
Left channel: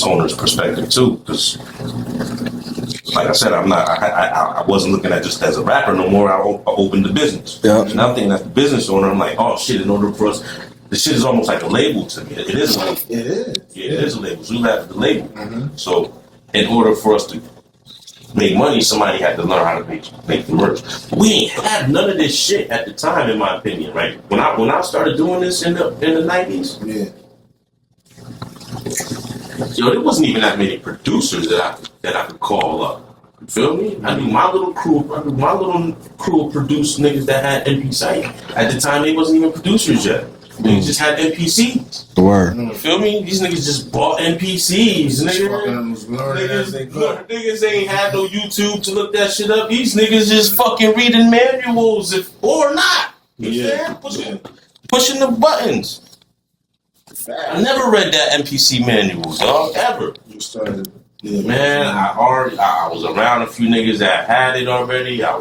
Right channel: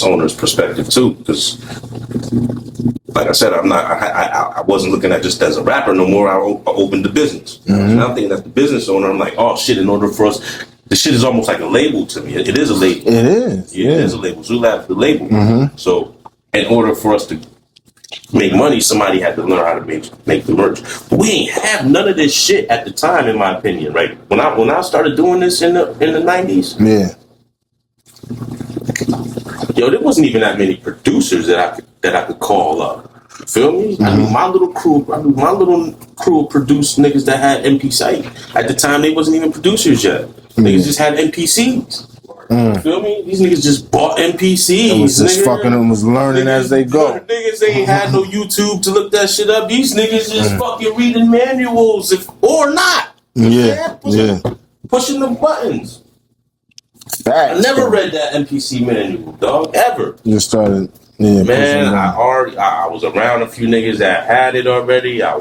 owner's perspective too, because like I said, I wasn't looking at just as a rapper no more. I opened the business. So now I'm thinking as the business owner, I'm like, oh shit, in order for us, the shit is almost like a label to me. It is a label. It is. Yeah, it is a label. Zulab is the label. So in order for us to make money, somebody had to learn how to make the merch. But we ain't have none of this shit at the time, in my opinion, right? When I started doing this in the 90s, yo, there wasn't even that many producers that I could call up. You feel me? I mean, my little crew produced niggas that had MP site. At the time, they wasn't even producers yet. Niggas just had NPCs. The word. You feel me? These niggas just bought NPCs. It was just fucking them, was learning niggas, as they go. Niggas ain't had no YouTube to look that shit up. These niggas just fucking reading manuals or not. Yeah. Pushing the buttons. Facts. I never read that NPC manual, dog, ever. Just started. Yeah, Man, I was around a few niggas that had it already. I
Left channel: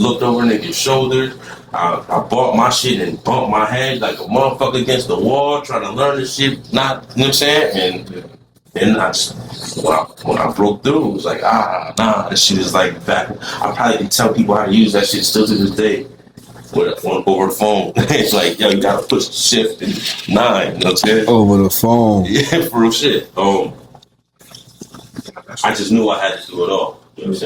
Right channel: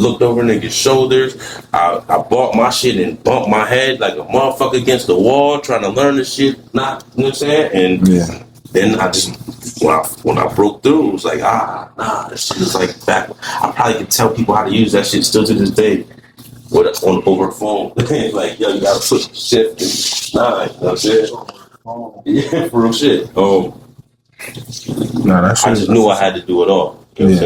looked over niggas' shoulders. I bought my shit and bumped my head like a motherfucker against the wall trying to learn this shit. Not, you know what I'm saying? And then I just, when I broke through, it was like, nah, that shit is like back. I probably can tell people how to use that shit still to this day. Over the phone. It's like, yo, you gotta push shift and 9, you know what I'm saying? Over the phone. Yeah, for real shit. Nah, that's I just knew I had to do it all. You know what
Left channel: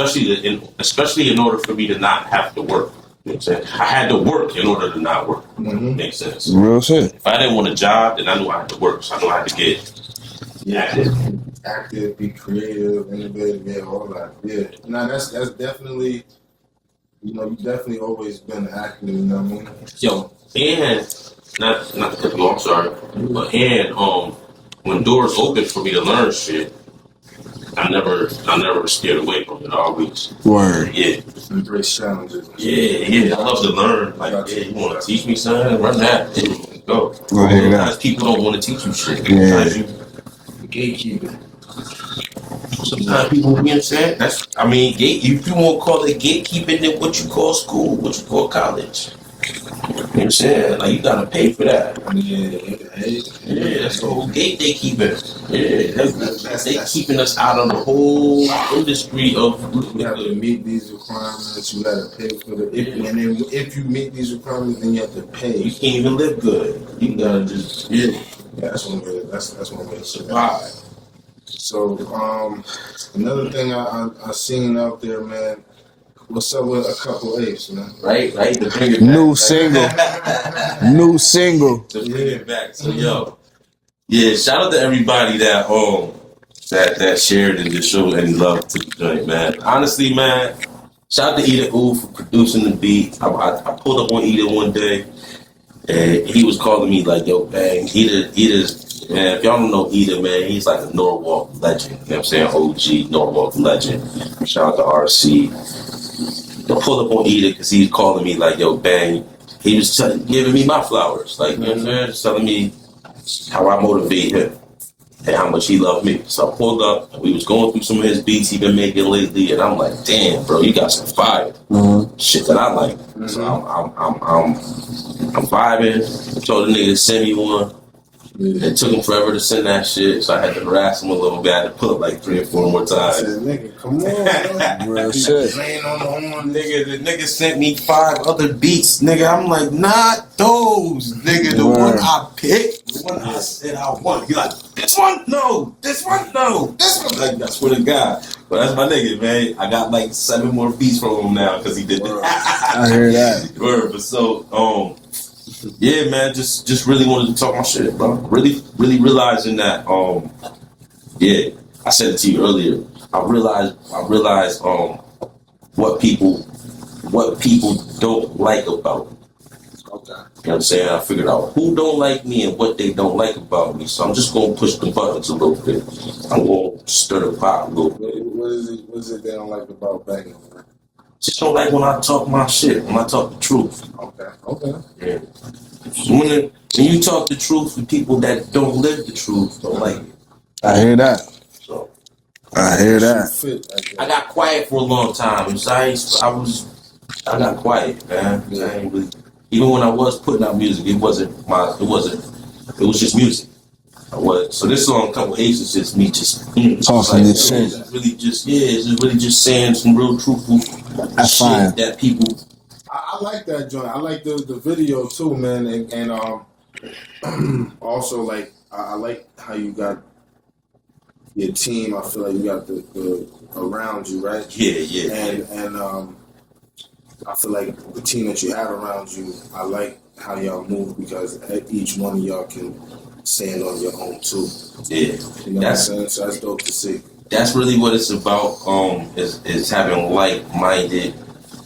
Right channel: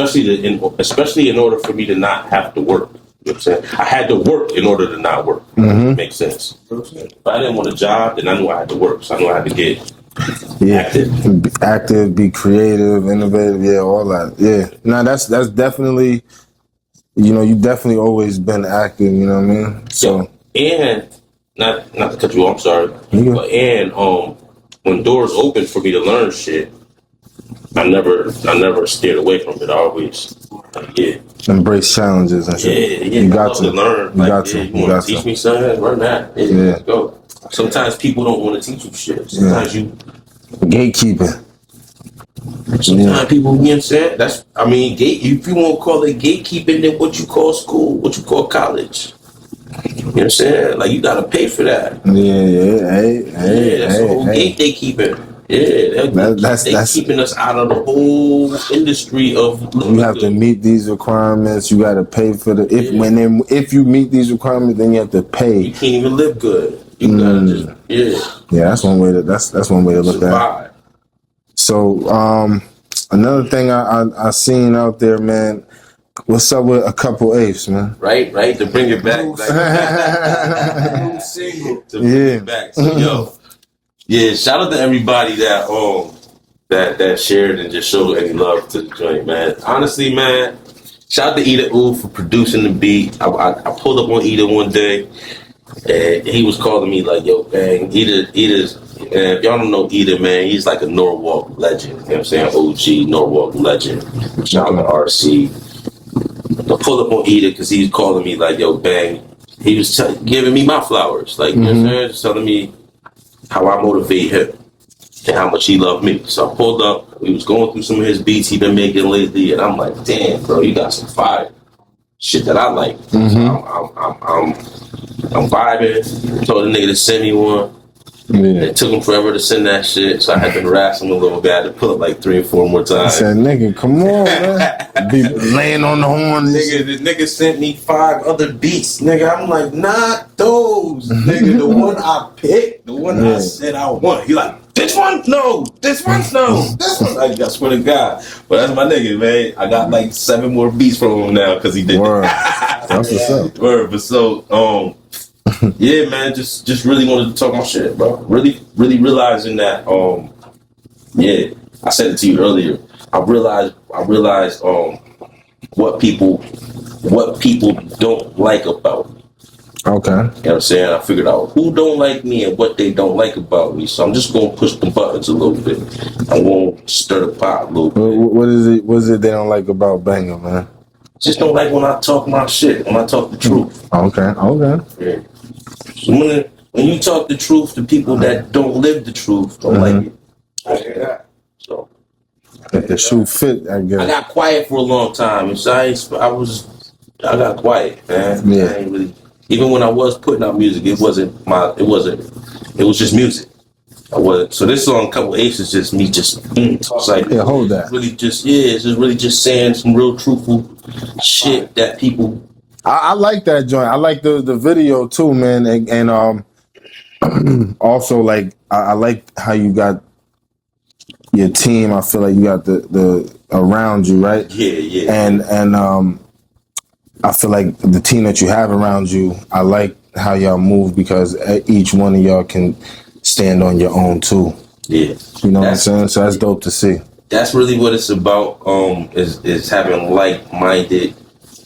I'm saying? Especially in order for me to not have to work. You know what I'm saying? I had to work in order to not work. Makes sense. Real shit. If I didn't want a job, then I knew I had to work. So I knew I had to get active, be creative, innovative, all that. Yeah. Nah, that's definitely, you definitely always been active, you know what I mean? So and not to cut you off, I'm sorry. And when doors opened for me to learn shit, I never steered away from it. I always embrace challenges and shit. You love to learn. You want to teach me something? Learn that. Go. Sometimes people don't want to teach you shit. Sometimes you gatekeeping. Sometimes people, you know what I'm saying? If you want to call it gatekeeping, then what you call school, what you call college. You know what I'm saying? Like, you gotta pay for that. That's the whole gate they keeping. That's keeping us out of the whole industry of. You have to meet these requirements. You gotta pay for if you meet these requirements, then you have to pay. You can't even live good. You gotta just that's one way to that's one way to look at it. So another thing I seen out there, man. What's up with a couple apes, man? Right, to bring it back. New single. To bring it back. So, shout out to everybody that shared and just showed any love to the joint, man. Honestly, man, shout out to Ida Ooh for producing the beat. I pulled up on Ida one day, and he was calling me like, yo, bang, Ida's, man, if y'all don't know Ida, man, he's like a Norwalk legend. You know what I'm saying? OG Norwalk legend. Shout out to RC. I pulled up on Ida because he was calling me like, yo, bang. He was giving me my flowers. Like, you know what I'm saying? Just telling me how I motivate him and how much he loved me. So I pulled up. And we was going through some of his beats he been making lately. And I'm like, damn, bro, you got some fire. Shit that I like. So I'm vibing. Told the nigga to send me one. It took him forever to send that shit, so I had to harass him a little bit. I had to pull up like 3 or 4 more times. I said, nigga, come on, man. People laying on the horn. The nigga sent me 5 other beats. Nigga, I'm like, not those. Nigga, the one I picked, the one I said I want. He like, this one? No. This one? No. This one? Like, I swear to God. But that's my nigga, man. I got like 7 more beats from him now because he did that. Word. But so, yeah, man, just really wanted to talk my shit, bro. Really realizing that, I said it to you earlier. I realized, what people don't like about me. Okay. You know what I'm saying? I figured out who don't like me and what they don't like about me. So I'm just gonna push the buttons a little bit. I'm gonna stir the pot a little bit. What is it they don't like about Banga, man? Just don't like when I talk my shit, when I talk the truth. Okay. Yeah. So when you talk the truth to people that don't live the truth, don't like it. I hear that. So I hear that. Fit, I guess. I got quiet for a long time. So I got quiet, man. Yeah. I ain't really, even when I was putting out music, it was just music. So this song, Couple Apes, is just me just talking. Hold that. Really just it's just really just saying some real truthful shit that people. I like that joint. I like the video too, man, and also like I like how you got your team. I feel like you got the around you, right? Yeah. And I feel like the team that you have around you. I like how y'all move because each one of y'all can stand on your own too. Yeah, you know what I'm saying. So that's dope to see. That's really what it's about. Is having like-minded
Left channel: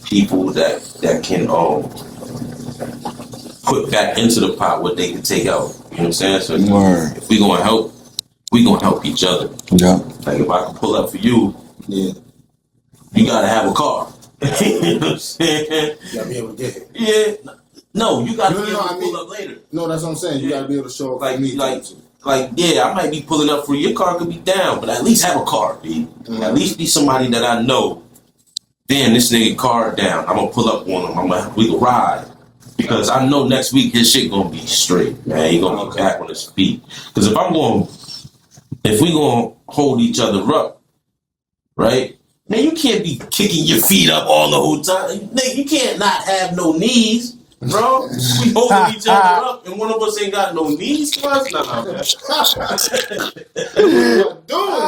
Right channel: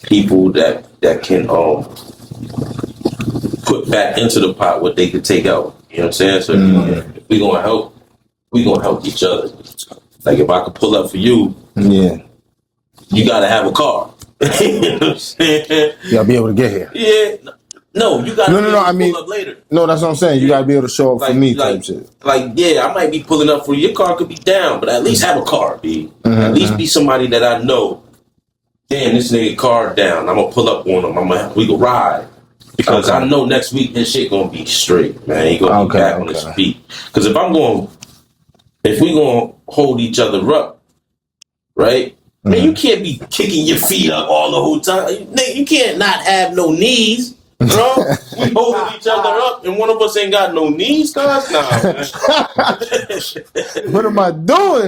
people that can put back into the pot what they could take out. You know what I'm saying? So if we gonna help each other. Yeah. Like if I could pull up for you, you gotta have a car. You know what I'm saying? You gotta be able to get here. Yeah. No, you gotta No, be no, able no. to I mean, pull up later. no, that's what I'm saying. You gotta be able to show up for me, type Like, shit. like, yeah, I might be pulling up for you. Your car could be down, but at least have a car, B. At least be somebody that I know. Damn, this nigga car down. I'm gonna pull up on him. We go ride. Because I know next week his shit gonna be straight, man. He gonna be back on his feet. Because if we gonna hold each other up, right? Man, you can't be kicking your feet up all the whole time. You can't not have no knees, bro. We holding each other up, and one of us ain't got no knees, cuz? Nah, man. What am I doing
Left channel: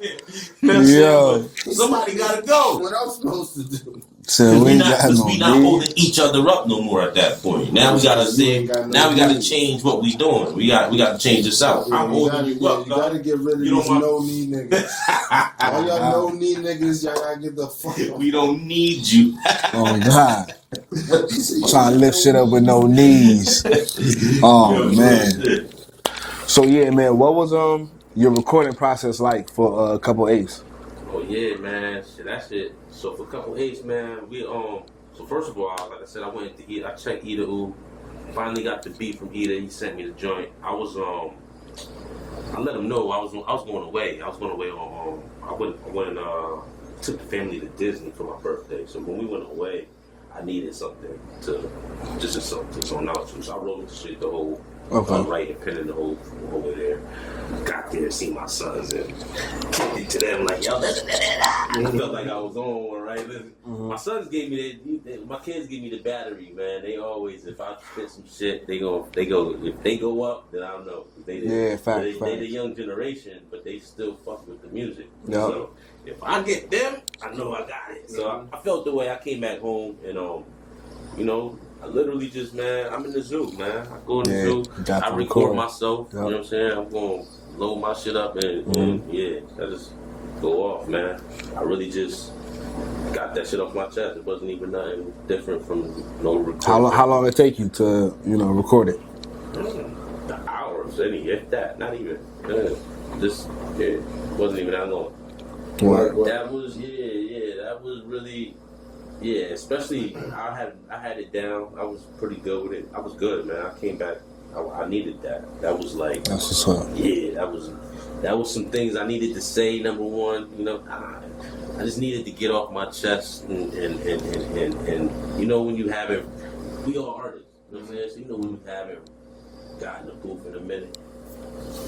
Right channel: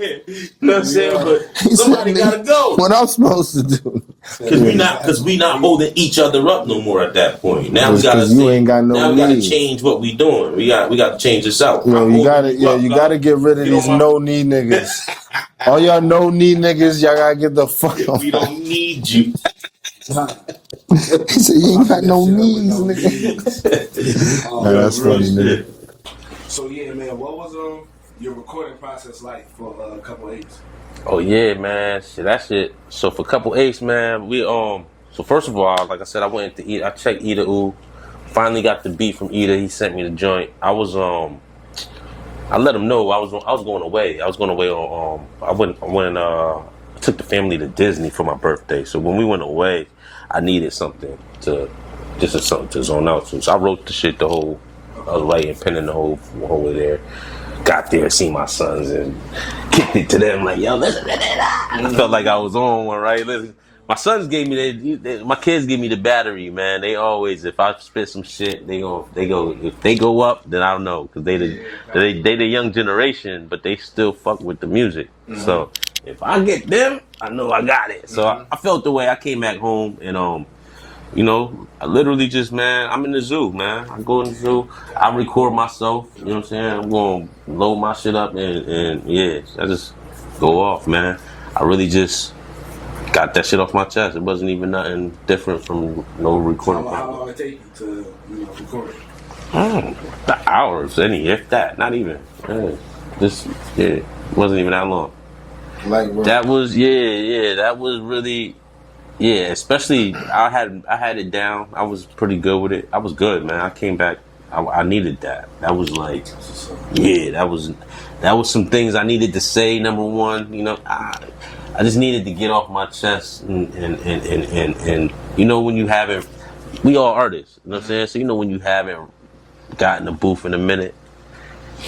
here, man? You know what I'm saying? But somebody gotta go. What I'm supposed to do? Because we not holding each other up no more at that point. Now we gotta say, now we gotta change what we doing. We got to change this out. Yo, you gotta get rid of these no knee niggas. All y'all no knee niggas, y'all gotta get the fuck off. We don't need you. Oh God! He said, you Trying to got lift shit up with no knees. Oh man! So yeah, man, what was your recording process like for a couple apes? Oh yeah, man. Shit, that shit. So for couple apes, man, we So first of all, like I said, I went to eat. I checked Ida U. Finally got the beat from Ida. He sent me the joint. I let him know I was going away. I was going away on I took the family to Disney for my birthday. So when we went away, I needed something to zone out to. So I wrote the shit the whole writing, penning the whole way there. Got there, seen my sons, and kicked it to them like, yo, listen. I felt like I was on one, right? Listen, my sons gave me my kids give me the battery, man. They always, if I spit some shit, they go. If they go up, then I don't know, because they the young generation, but they still fuck with the music. Yeah. So if I get them, I know I got it. So I felt the way. I came back home and I literally just, man, I'm in the zoo, man. I go in the zoo, I record myself, you know what I'm saying? I'm going to load my shit up and I just go off, man. I really just got that shit off my chest. It wasn't even nothing different from no recording. How long it take you to, record it? The hours, if that, not even. It wasn't even that long. That was, that was really... Yeah, especially I had it down. I was pretty good with it. I was good, man. I came back. I needed that. That was like, that's what's up. Yeah, that was some things I needed to say. Number one, I just needed to get off my chest and when you haven't, we all artists, you know what I'm saying? So when you haven't gotten a booth in a minute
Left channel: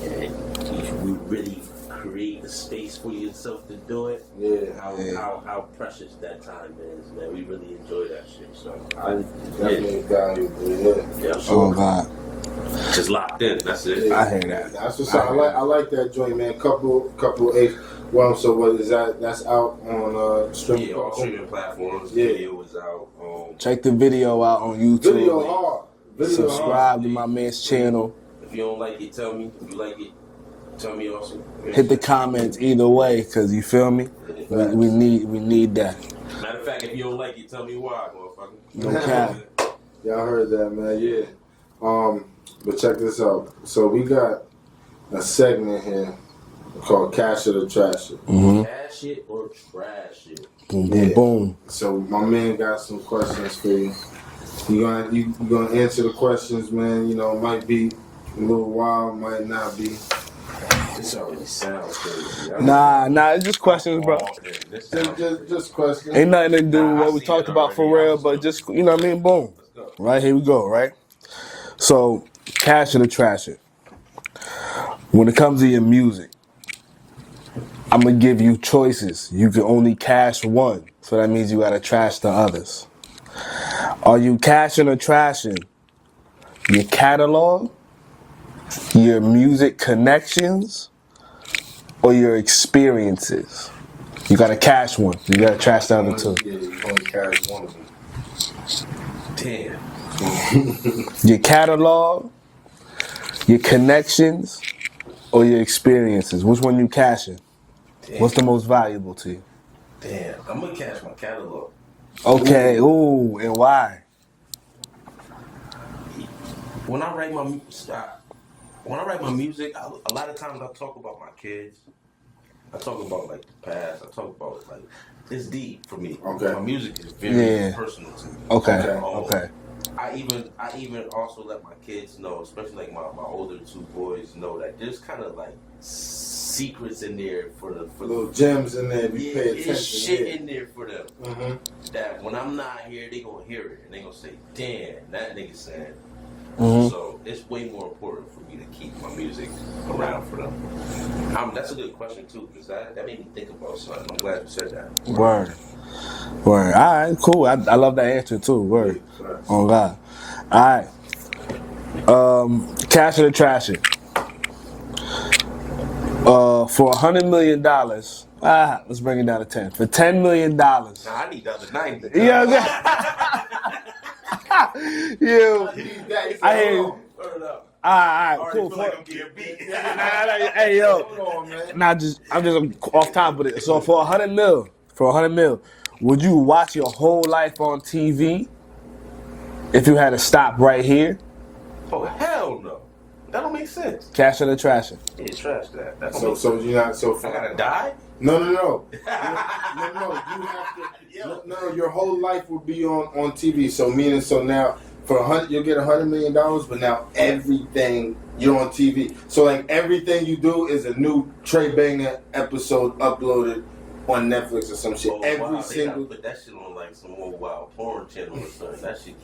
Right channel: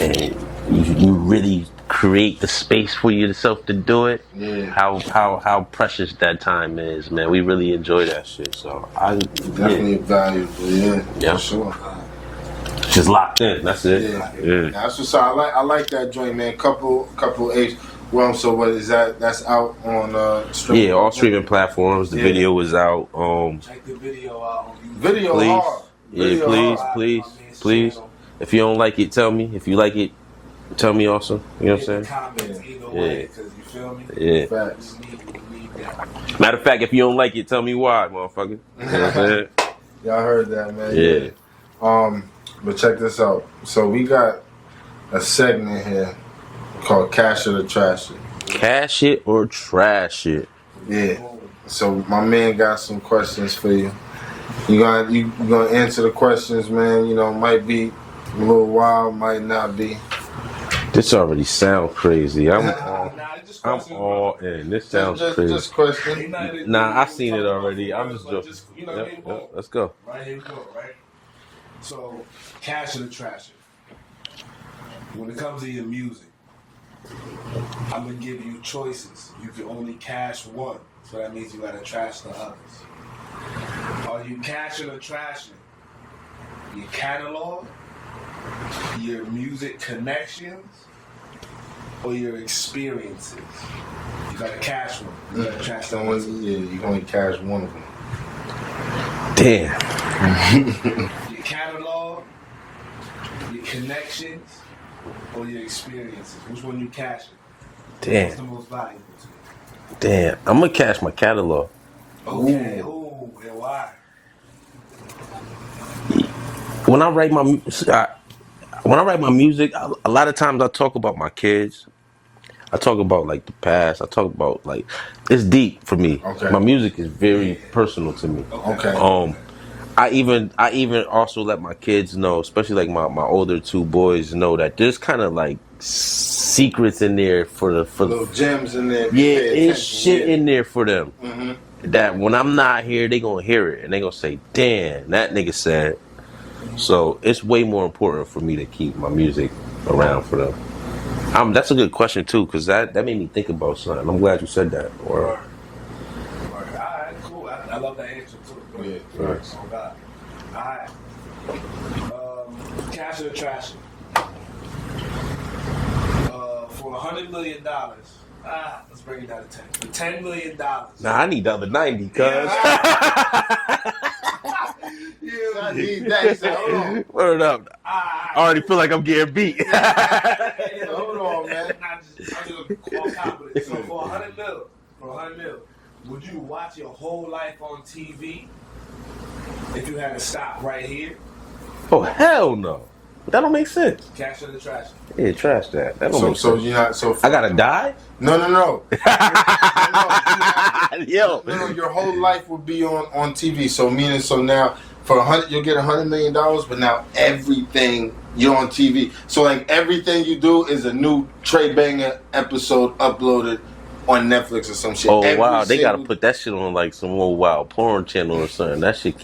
and you really create the space for yourself to do it. Yeah. How precious that time is, man. We really enjoy that shit. So definitely valuable. Yeah. Sure. God. Just locked in. That's it. Yeah. I hate that. That's what's up. I like that joint, man. Couple apes. Well, so what is that? That's out on streaming. Yeah, all streaming platforms. The video is out. Check the video out on YouTube. Video please. Hard. Yeah, please. My man's channel. If you don't like it, tell me. If you like it, tell me also. Hit the comments either way, because you feel me? Yeah. We need that. Matter of fact, if you don't like it, tell me why, motherfucker. Y'all heard that, man. Yeah. But check this out. So we got a segment here called Cash It or Trash It. Mm-hmm. Cash it or trash it. Boom, boom. So my man got some questions for you. You gonna answer the questions, man. Might be a little wild, might not be. This already sounds crazy. Nah, it's just questions, bro. This sounds crazy. Just questions. Ain't nothing to do with what we talked about for real, but just, what I mean? Boom. Let's go. Right, here we go, right? So, cash it or trash it. When it comes to your music, I'm going to give you choices. You can only cash one, so that means you got to trash the others. Are you cashing or trashing your catalog, your music connections, or your experiences? You gotta cash one. You gotta trash the other two. Yeah, you only cash one of them. Damn. Your catalog, your connections, or your experiences. Which one you cashing? Damn. What's the most valuable to you? Damn. I'm gonna cash my catalog. Okay. Ooh, and why? When I write my music, a lot of times I talk about my kids. I talk about like the past. I talk about like it's deep for me. Okay. My music is very personal to me. Okay. I even also let my kids know, especially like my older two boys, know that there's kind of like secrets in there for Little gems in there. If you yeah, pay it's attention, shit yeah. in there for them. Mm-hmm. That when I'm not here, they gonna hear it and they gonna say, "Damn, that nigga said." Mm-hmm. So it's way more important for me to keep my music around for them. That's a good question too, because that made me think about something. I'm glad you said that. Word. Word. All right, cool. I love that answer too. Word. Yeah, facts. Oh God. All right. Cash it or trash it. For $100 million. Let's bring it down to 10. For $10 million. Nah, I need the other 90. Word up. I already feel like I'm getting beat. Hey yo. Hold on, man. I'm just off top with it. So for $100 million, would you watch your whole life on TV if you had to stop right here? Oh hell no. That don't make sense. Cash it or trash it? Yeah, trash that. That don't make So sense. you're not so. I gotta die? No. Yo. No, your whole life will be on TV. So meaning, so now for you'll get $100 million, but now everything you're on TV. So like everything you do is a new Tre Banga episode uploaded on Netflix or some shit. Oh Every wow, they gotta single- put that shit on like some old wild porn channel or something. That shit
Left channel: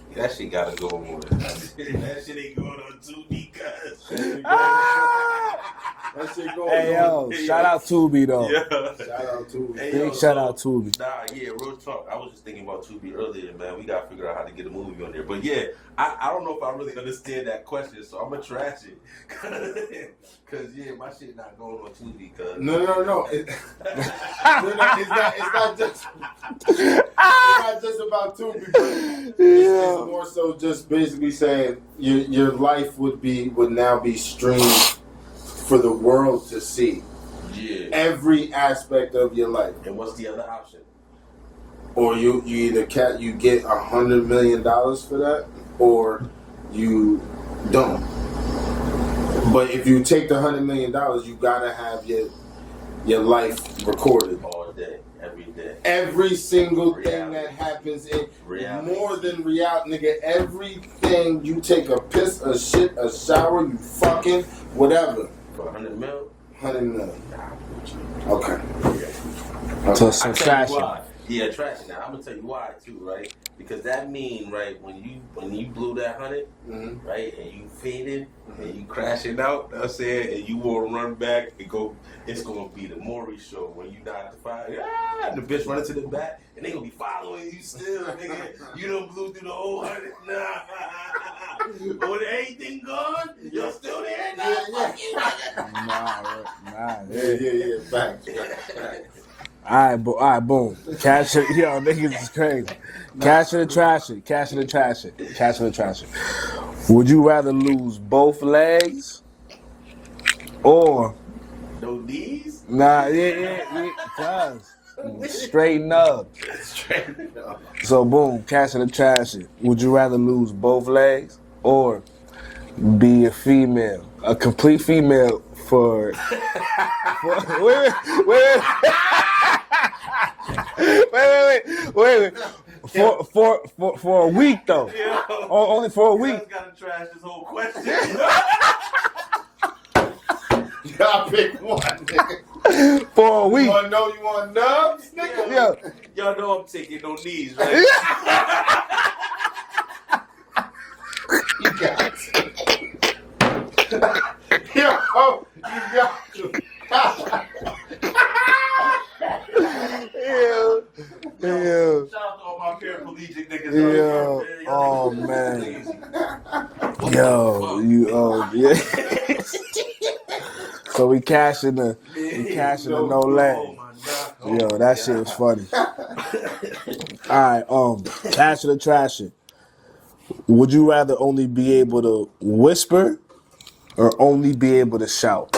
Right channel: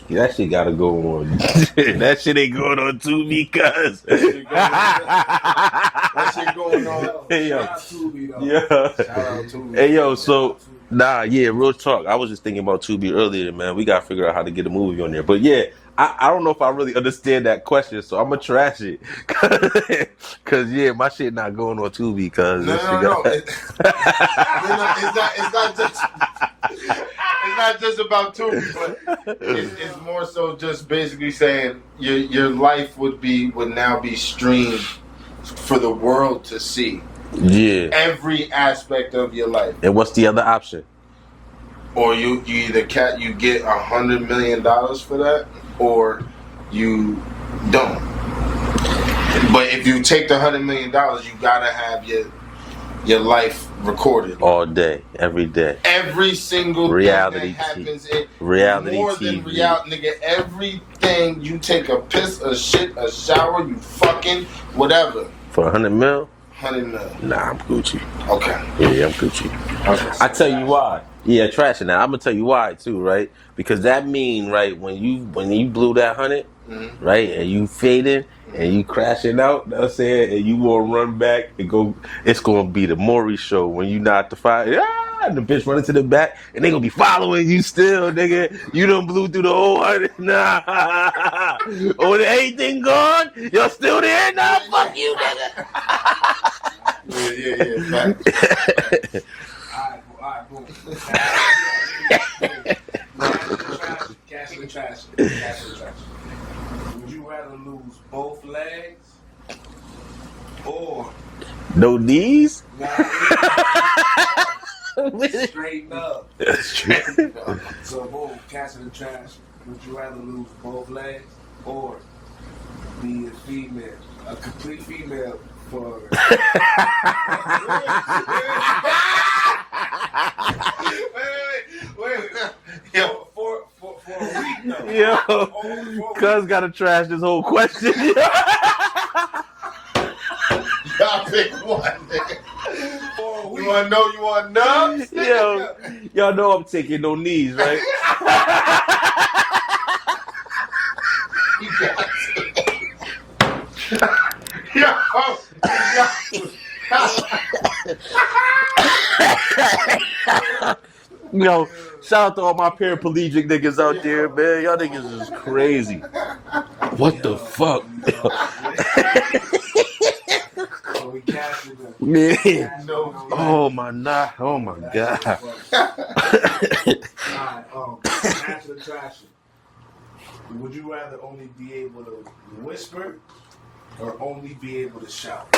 gotta go on. That shit ain't going on Tubi, cuz. That shit going on. Yo, shout out Tubi though. Yeah. Shout out to Hey yo, Shout out Tubi. nah, yeah, real talk. I was just thinking about Tubi earlier, man. We gotta figure out how to get a movie on there. But yeah, I don't know if I really understand that question, so I'm gonna trash it. Cause yeah, my shit not going on Tubi, cuz. No. It's not just about Tubi. It's more so just basically saying your life would now be streamed for the world to see. Yeah. Every aspect of your life. And what's the other option? Or you either you get $100 million for that, or you don't. But if you take the $100 million, you gotta have your life recorded All day, every day. Every single Reality thing that happens in reality more than TV. reality, nigga. Everything you take a piss, a shit, a shower, you fucking whatever. For 100 mil? 100 million. Nah, I'm Gucci. Okay. Yeah, I'm Gucci. I tell you why. Yeah, trashing that. I'm gonna tell you why too, right? Because that mean, right, when you blew that 100, right, and you fading and you crashing out, know what I'm saying, and you wanna run back and go, it's gonna be the Maury show when you knock the fire, and the bitch running to the back, and they gonna be following you still, nigga. You done blew through the whole 100, nah. Or everything gone, you're still there, nah, fuck you, nigga. Yeah. Facts. All right, boom. Cash it. Yo, niggas is crazy. Cash it or trash it. Cash it or trash it. Cash it or trash it. Would you rather lose both legs or No knees? Straighten up. So boom, cash it or trash it. Would you rather lose both legs or be a female, a complete female for wait. For a week though. Yo, Only for a week. Cuz gotta trash this whole question. Y'all pick one, nigga. For a week. You want nubs? Yo, y'all know I'm taking no knees, right? Yo, shout out to all my paraplegic niggas out there, man. Y'all niggas is crazy. What the fuck? So we cashing the no leg. Oh my nah. Oh Yo, my that God. shit is funny. Alright, cash it or trash it. Would you rather only be able to whisper or only be able to shout?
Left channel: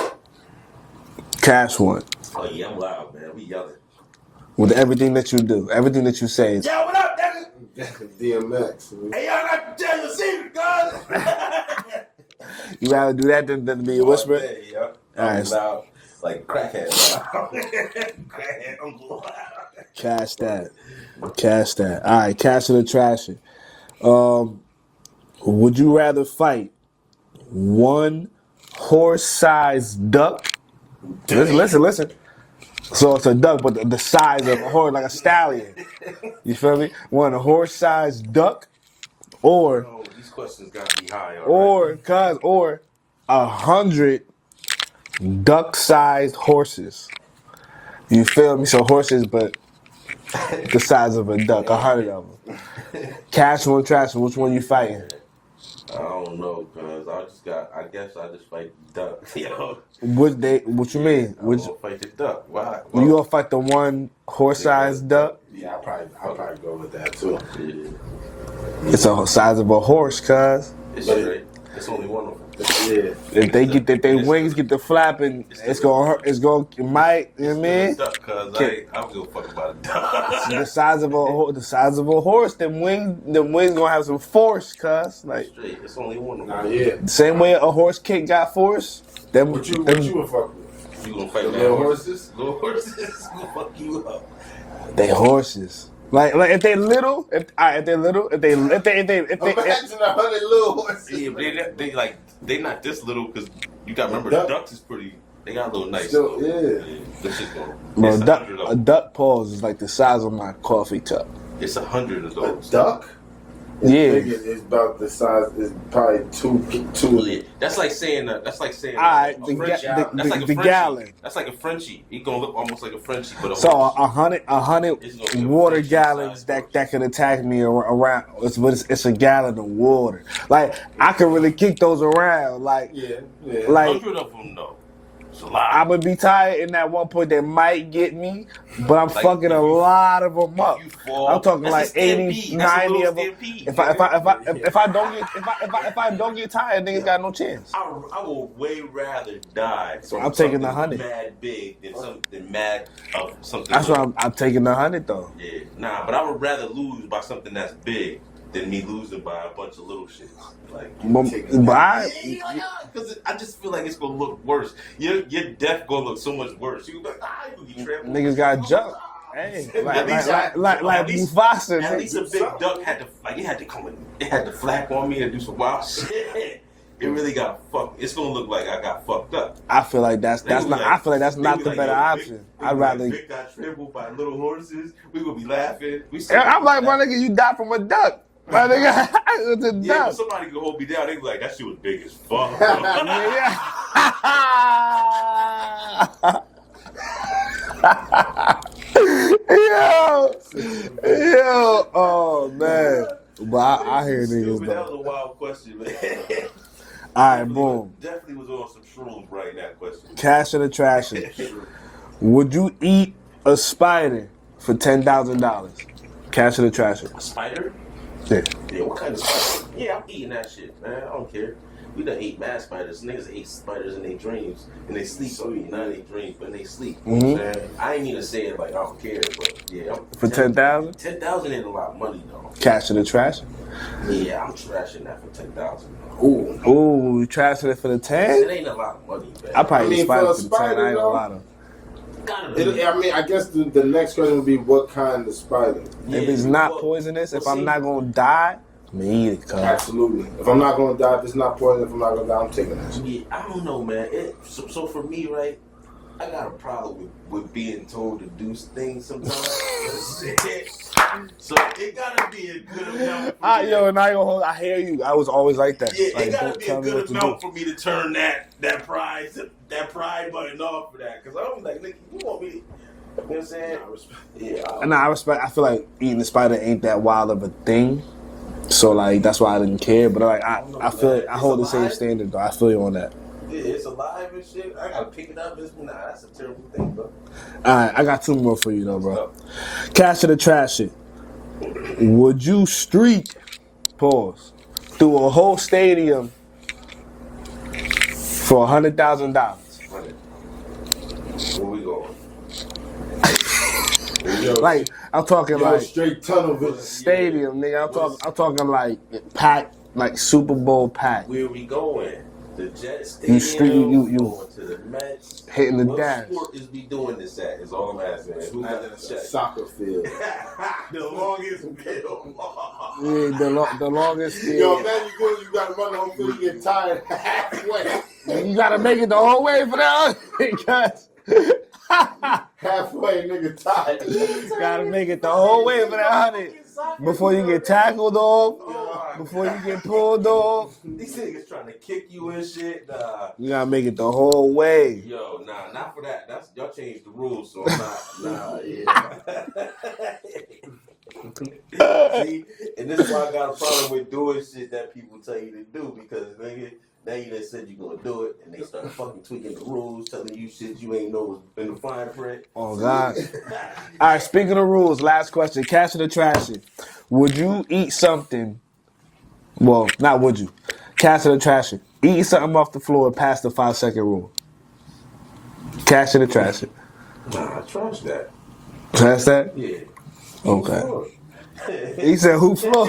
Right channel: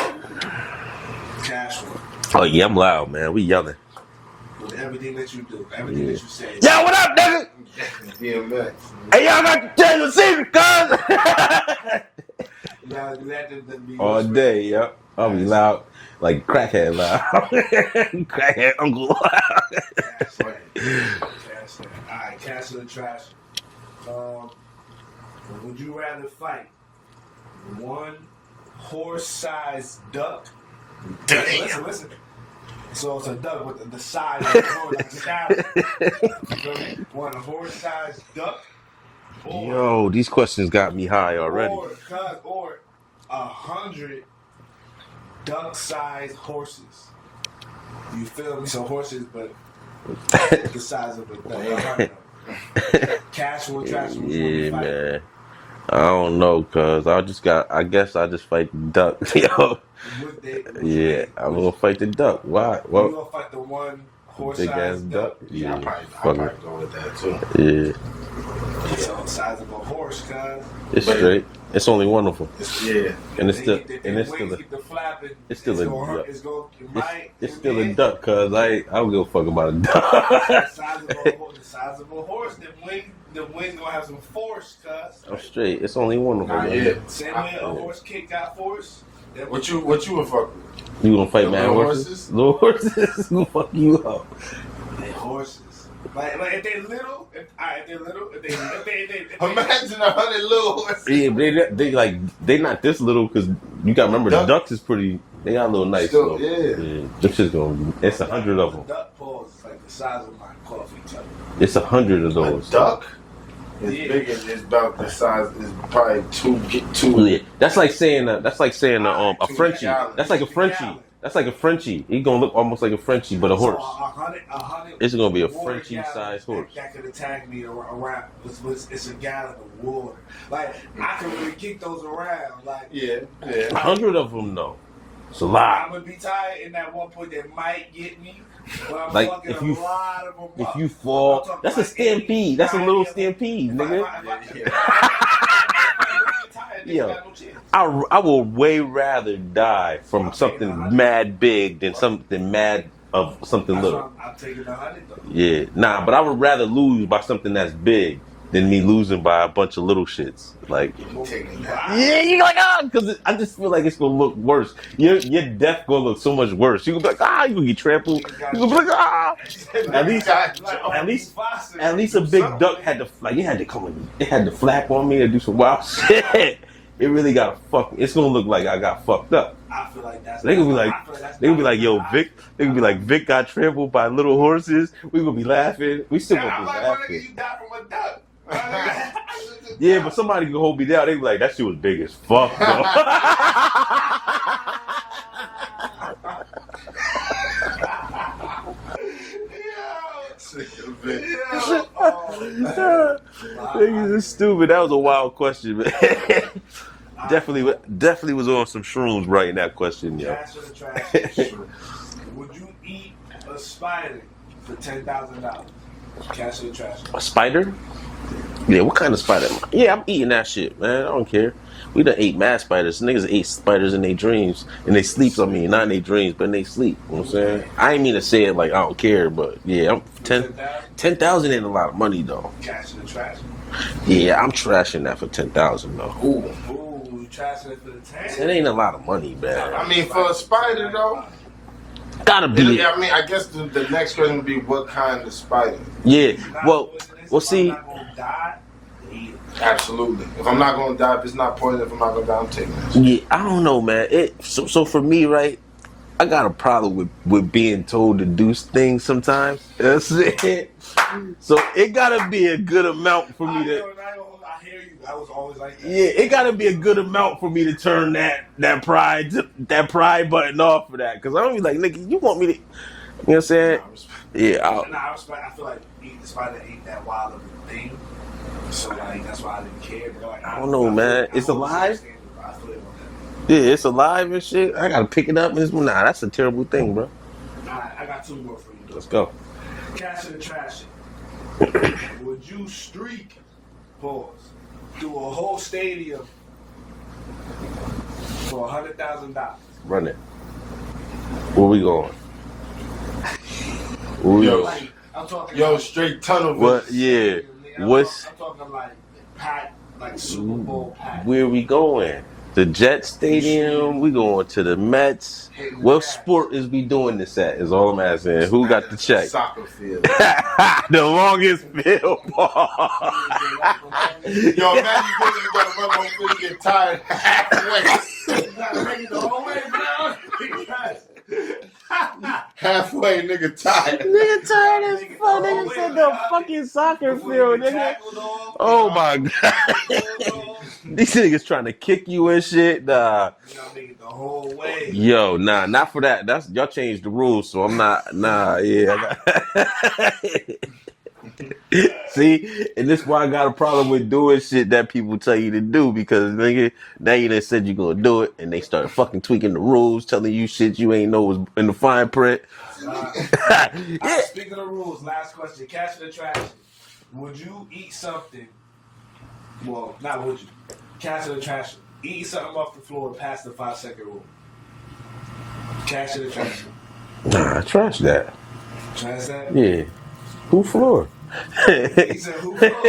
Cash one. Oh yeah, I'm loud, man. We yelling. With everything that you do, everything that you say. Yo, what up, nigga? DMX. Hey, y'all got to tell you a secret, cuz. You rather do that than be a All whisper? day, yeah. I'm Nice. loud. Like crackhead loud. Crackhead uncle loud. Cash that. All right, cash it or trash it. Would you rather fight one horse-sized duck? Listen. So it's a duck, but the size of a horse, like a stallion. You feel me? One horse-sized duck, or Yo, these questions got me high already. or 100 duck-sized horses. You feel me? So horses, but the size of a duck. 100 of them. Cash one, trash one. Which one you fighting? Man. I don't know, cuz I guess I just fight the duck. Yo. What you mean? I'm gonna fight the duck. Why? Well, You gonna fight the one horse-sized duck? Yeah, Yeah, I'll probably go with that too. yeah. It's the size of a horse, cuz. It's straight. It's only one of them. Yeah. If they get their wings get the flapping, it's gonna hurt. It's gonna it might. You know what I Still a mean? duck, cuz I don't give a fuck about a duck. The size of a horse. Them wings gonna have some force, cuz. Like Straight. It's only one of them. Nah, yeah. same way a horse kick got force. Them What you them- would fuck with? You gonna fight The mad little horses? horses? Little horses? Who fuck you up? They horses. Like if they little, if they Imagine 100 little horses. Yeah, but they not this little because you got to remember Duck? the ducks is pretty. They got a little nice. Still, little, yeah. This is gonna be. Bro, It's 100 of a them. duck paws is like the size of my coffee cup. It's 100 of A those. duck? Yeah. It's about the size. It's probably two. Yeah. That's like saying a Frenchie. That's like a the Frenchie. gallon. That's like a Frenchie. He gonna look almost like a Frenchie, but a So horse. 100 It's gonna be a water Frenchie gallons size that, horse. that could attack me around. It's a gallon of water. Like I can really kick those around. Like Yeah. like 100 of them though. It's a lot. I'm gonna be tired in that one point that might get me, but I'm Like, fucking if a you- lot of them up. If you fall, I'm talking that's like a stampede. 80, That's a 90 little of them. stampede. If I don't get tired, niggas Yeah. got no chance. I will way rather die from I'm taking something the 100. mad big than something mad of something That's little. why I'm taking the 100 though. Yeah, nah, but I would rather lose by something that's big than me losing by a bunch of little shits. Like, yeah, you like because I just feel like it's gonna look worse. Your death gonna look so much worse. You gonna be like, you gonna get trampled. Niggas got You gonna be like, Hey, At least, like Mufasa. at least a big duck had to like. It had to come. It had to flap on me and do some wild shit. It really got fucked. It's gonna look like I got fucked up. I feel like that's They not. gonna be I feel like that's they not gonna the be like, better yo, Vic. option. They gonna be like, Vic got trampled by little horses. We gonna be laughing. We still. Yeah, gonna I'm be like, my laughing. nigga, you died from a duck. My nigga, it's a Yeah, duck. but somebody can hold me down. They be like, that shit was big as fuck. Bro. Yo, oh man, but I Niggas hear is niggas, stupid. That though. was a wild question, man. All right, definitely, boom. definitely was on some shrooms writing that question. Man. Cash in the trash. Would you eat a spider for $10,000? Cash in the trash. A spider? Yeah. Yeah, what kind of spider? Yeah, I'm eating that shit, man. I don't care. We done ate mad spiders. Niggas ate spiders in their dreams. And they sleep, I mean, not in their dreams, but in their sleep. You know what I'm saying? I ain't mean to say it like I don't care, but yeah. I'm For 10,000? 10,000 ain't a lot of money, though. Cash in the trash. Yeah, I'm trashing that for 10,000 though. Ooh, you trashing it for the It 10? ain't a lot of money, man. I probably I mean, eat for a the 10. spider, I ain't though. a lot of- Gotta be. I mean, I guess the next question would be what kind of spider? Yeah, If it's not poisonous, if I'm not gonna die, me either. Cuz. Absolutely. If I'm not going to die, if it's not poison, if I'm not going to die, I'm taking that. Yeah, I don't know, man. So for me, right, I got a problem with being told to do things sometimes. That's it. So it gotta be a good amount for me. Yo, and I ain't gonna hold. I hear you. I was always like that. Yeah, Like, it gotta don't be a tell me good what to amount do. for me to turn that pride button off for that. Cause I don't be like, nigga, you want me to, you know what I'm saying? Yeah, Nah, I respect. I feel like eating the spider ain't that wild of a thing. So like that's why I didn't care. But like I don't know, feel man. like I It's hold the same alive? standard though. I feel you on that. yeah, it's alive and shit. I gotta pick it up. Nah, that's a terrible thing, bro. All right, I got two more for you though, bro. Go. Cash in the trash shit. Would you streak, pause, through a whole stadium for $100,000? Run it. Where we going? Yo, Like I'm talking yo, like straight tunnel What? vision. Yeah. stadium, nigga. What's- I'm talking like packed, like Super Bowl packed. Where we going? The Jet Stadium. We going to the Mets. Hitting the What gas. sport is we doing this at? Is all I'm asking. Who got the check? Soccer field. The longest field. Yeah, the longest field. Yo, man, you gotta run on till you get tired halfway. You gotta make it the whole way for that. Because Halfway, nigga tired. you gotta make it the whole way for that. Fucking soccer Before field, you get nigga. tackled off. Oh my Before god. you get pulled off. These niggas trying to kick you and shit. Nah. You gotta make it the whole way. Yo, nah, not for that. That's y'all changed the rules, so I'm not. Nah, yeah. See, and this is why I got a problem with doing shit that people tell you to do because nigga, now you done said you gonna do it, and they start fucking tweaking the rules, telling you shit you ain't know was in the fine print. Oh God. All right, speaking of rules, last question. Cash it or trash it. Would you eat something? Well, not would you. Cash it or trash it. Eat something off the floor past the 5-second rule. Cash it or trash it. Nah, trash that. Trash that? Yeah. Who Okay. floor? He said who floor?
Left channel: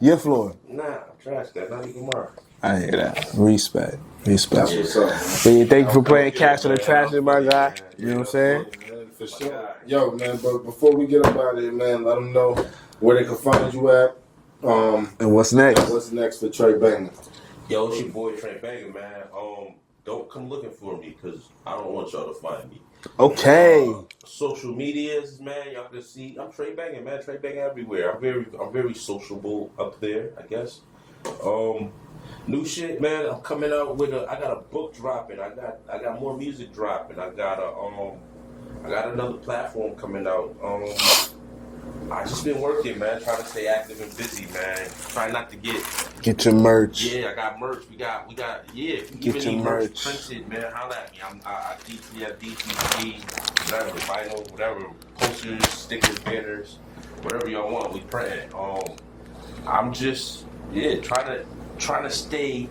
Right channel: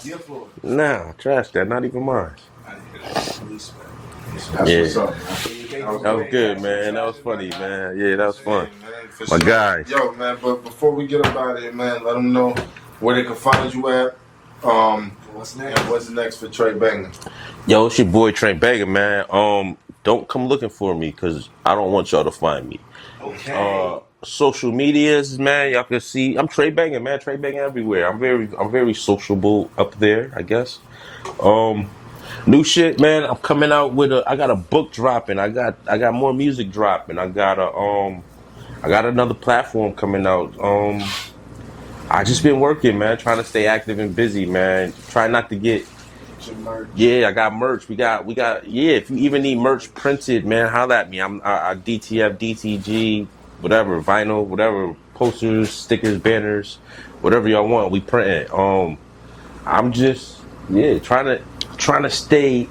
Your floor. Nah, trash that. Not even mine. I hear that. Respect. Respect. Yeah. What's up, man? Yeah, thank you for That playing was good, Cash it or man. trash That it, was my funny, guy. man. Yeah, You know that what was I'm fun. saying? Man, for My sure. guy. Yo, man, but before we get up out of here, man, let them know where they can find you at. And what's next? And what's next for Tre Banga? Yo, it's your boy Tre Banga, man. Don't come looking for me because I don't want y'all to find me. Okay. Social medias, man, y'all can see I'm Tre Banga, man. Tre Banga everywhere. I'm very sociable up there, I guess. New shit, man. I'm coming out with I got a book dropping. I got more music dropping. I got another platform coming out. I just been working, man, trying to stay active and busy, man. Try not to get. Get your merch. Yeah, I got merch. We got. Yeah, if you even your need merch merch. printed, man, holla at me. I DTF, DTG, whatever, vinyl, whatever, posters, stickers, banners, whatever y'all want, we print it. I'm just trying to stay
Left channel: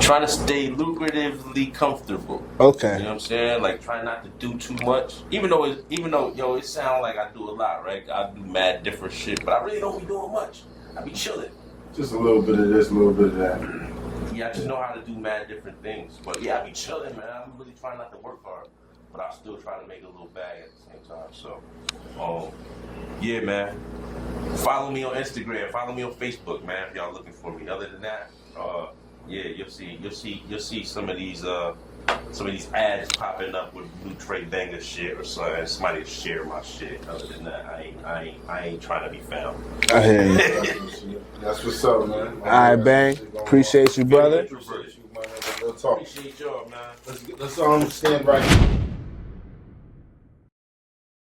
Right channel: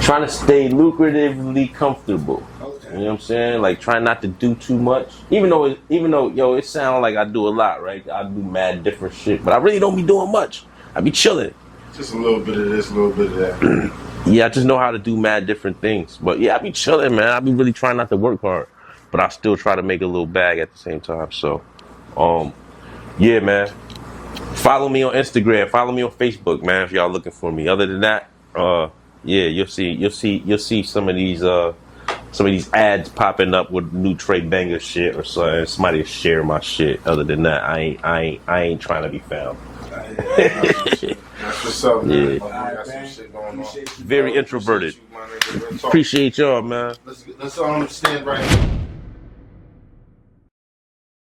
trying to stay lucratively comfortable. Okay. You know what I'm saying? Like trying not to do too much. Even though yo, it sounds like I do a lot, right? I do mad different shit, but I really don't be doing much. I be chilling. Just a little bit of this, a little bit of that. Yeah, I just know how to do mad different things. But yeah, I be chilling, man. I be really trying not to work hard, but I still try to make a little bag at the same time. So, yeah, man. Follow me on Instagram. Follow me on Facebook, man. If y'all looking for me. Other than that, yeah, you'll see some of these ads popping up with new Tre Banga shit or something. Somebody will share my shit. Other than that, I ain't trying to be found. I hear you. That's what's up, man. Yeah. All right, Bang. Appreciate you, Very brother. introverted. Appreciate you, my nigga. Real talk. Appreciate y'all, man. Let's stand right here.